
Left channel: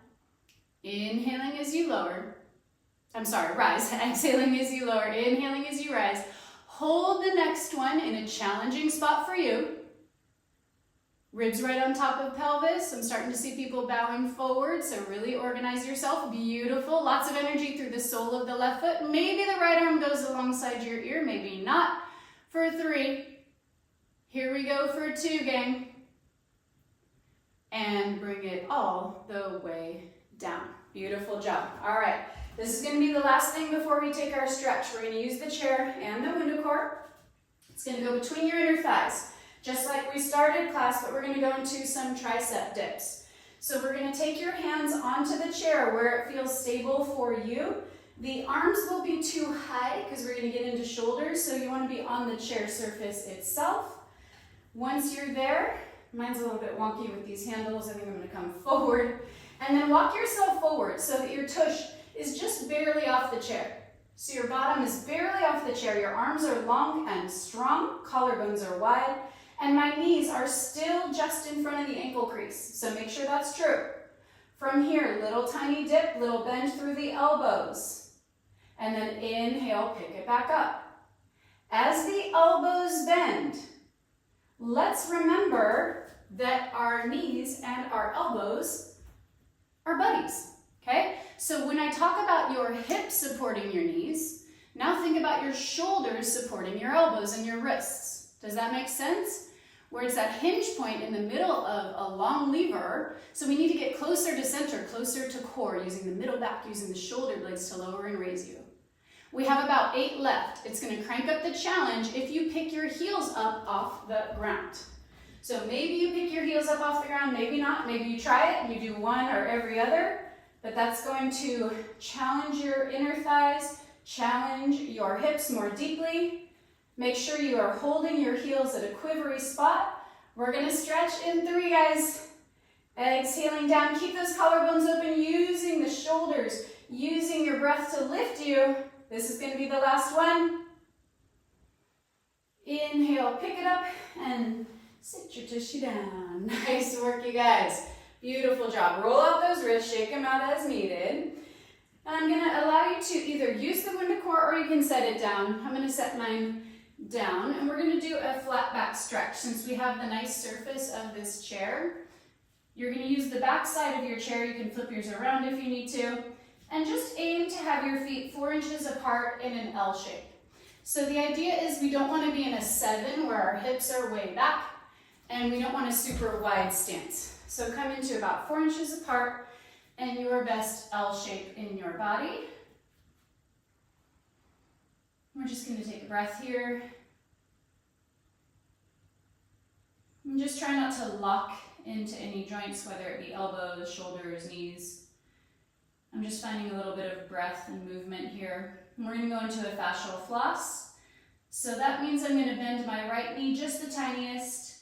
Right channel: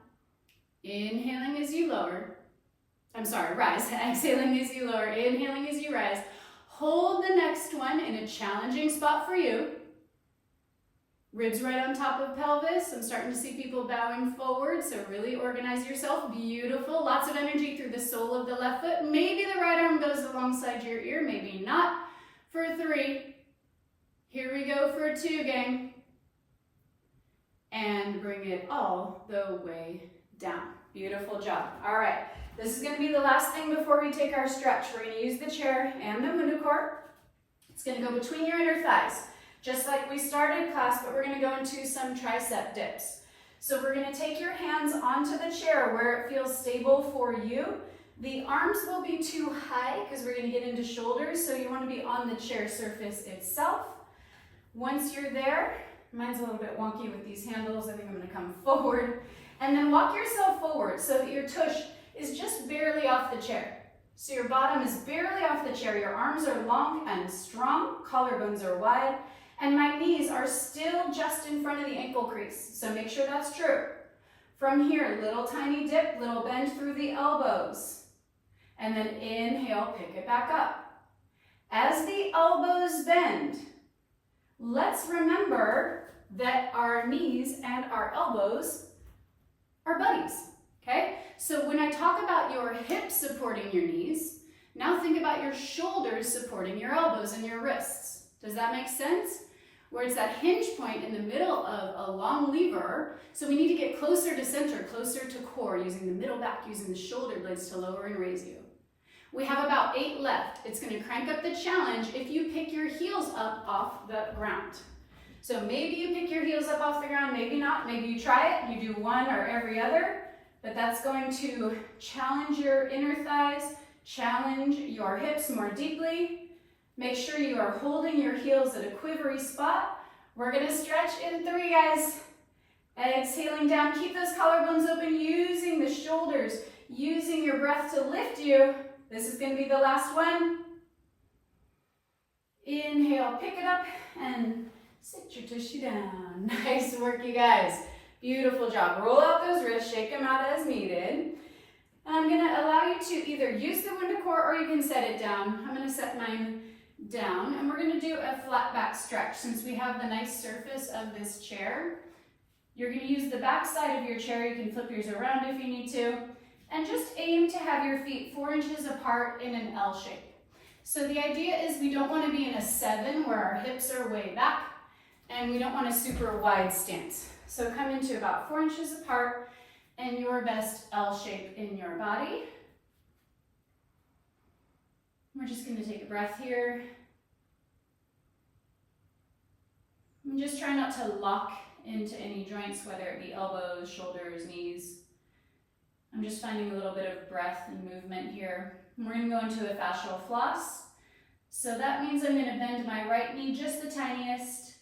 inhaling as you lower. Rise. Exhaling as you lower, inhaling as you rise. Hold the next one in a challenging spot for you. Ribs right on top of pelvis. I'm starting to see people bowing forward, so really organize yourself. Beautiful. Lots of energy through the sole of the left foot. Maybe the right arm goes alongside your ear, maybe not. For 3. Here we go for 2, gang. And bring it all the way down. Beautiful job. All right, this is going to be the last thing before we take our stretch. We're going to use the chair and the WundaCore. It's going to go between your inner thighs, just like we started class, but we're going to go into some tricep dips. So we're going to take your hands onto the chair where it feels stable for you. The arms will be too high because we're going to get into shoulders, so you want to be on the chair surface itself. Once you're there, mine's a little bit wonky with these handles. I think I'm going to come forward. And then walk yourself forward so that your tush is just barely off the chair. So your bottom is barely off the chair. Your arms are long and strong. Collarbones are wide. And my knees are still just in front of the ankle crease. So make sure that's true. From here, little tiny dip, little bend through the elbows. And then inhale, pick it back up. As the elbows bend, let's remember that our knees and our elbows are buddies, okay? So when I talk about your hips supporting your knees, now think about your shoulders supporting your elbows and your wrists. Does that make sense? Where it's that hinge point in the middle of a long lever, so we need to get closer to center, closer to core, using the middle back, using the shoulder blades to lower and raise you. We have about 8 left. It's going to crank up the challenge if you pick your heels up off the ground. So maybe you pick your heels up off the ground, maybe not. Maybe you try it and you do one or every other, but that's going to challenge your inner thighs, challenge your hips more deeply. Make sure you are holding your heels at a quivery spot. We're going to stretch in 3, guys. Exhaling down, keep those collarbones open, using the shoulders, using your breath to lift you. This is going to be the last one. Inhale, pick it up, and sit your tushy down. Nice work, you guys. Beautiful job. Roll out those wrists, shake them out as needed. And I'm going to allow you to either use the WundaCore or you can set it down. I'm going to set mine down, and we're going to do a flat back stretch. Since we have the nice surface of this chair, you're going to use the back side of your chair. You can flip yours around if you need to, and just aim to have your feet 4 inches apart in an L shape. So the idea is we don't want to be in a 7 where our hips are way back, and we don't want a super wide stance. So come into about 4 inches apart and your best L shape in your body. We're just going to take a breath here. And just try not to lock into any joints, whether it be elbows, shoulders, knees. I'm just finding a little bit of breath and movement here. And we're going to go into a fascial floss. So that means I'm going to bend my right knee just the tiniest,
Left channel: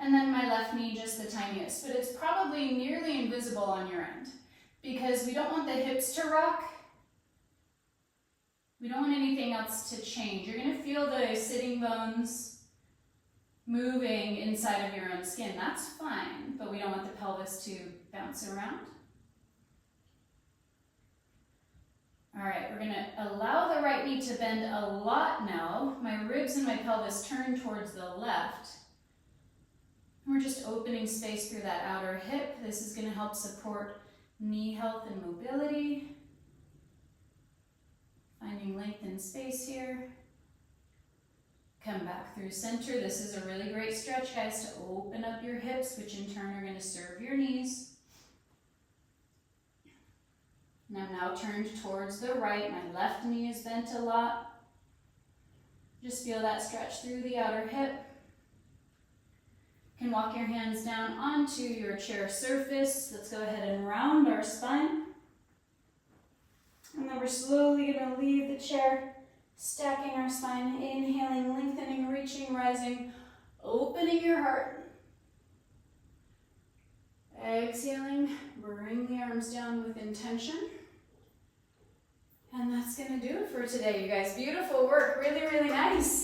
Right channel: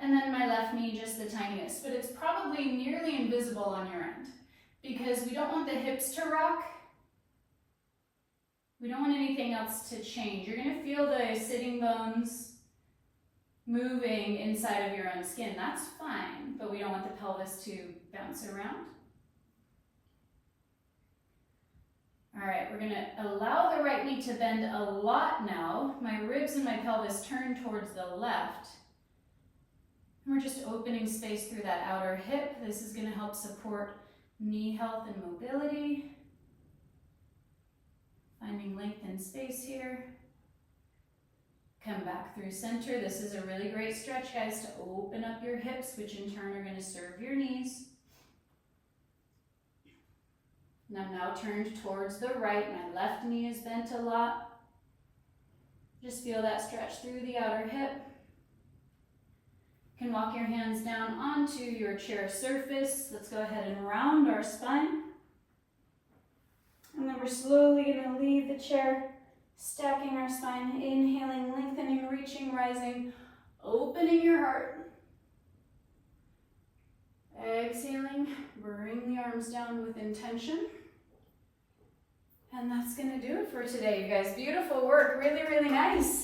and then my left knee just the tiniest. But it's probably nearly invisible on your end, because we don't want the hips to rock. We don't want anything else to change. You're going to feel the sitting bones moving inside of your own skin. That's fine, but we don't want the pelvis to bounce around. All right, we're going to allow the right knee to bend a lot now. My ribs and my pelvis turn towards the left. And we're just opening space through that outer hip. This is going to help support knee health and mobility. Finding length and space here. Come back through center. This is a really great stretch, guys, to open up your hips, which in turn are going to serve your knees. And I'm now turned towards the right. My left knee is bent a lot. Just feel that stretch through the outer hip. You can walk your hands down onto your chair surface. Let's go ahead and round our spine. And then we're slowly going to leave the chair, stacking our spine, inhaling, lengthening, reaching, rising, opening your heart. Exhaling, bring the arms down with intention. And that's going to do it for today, you guys. Beautiful work, really, really nice.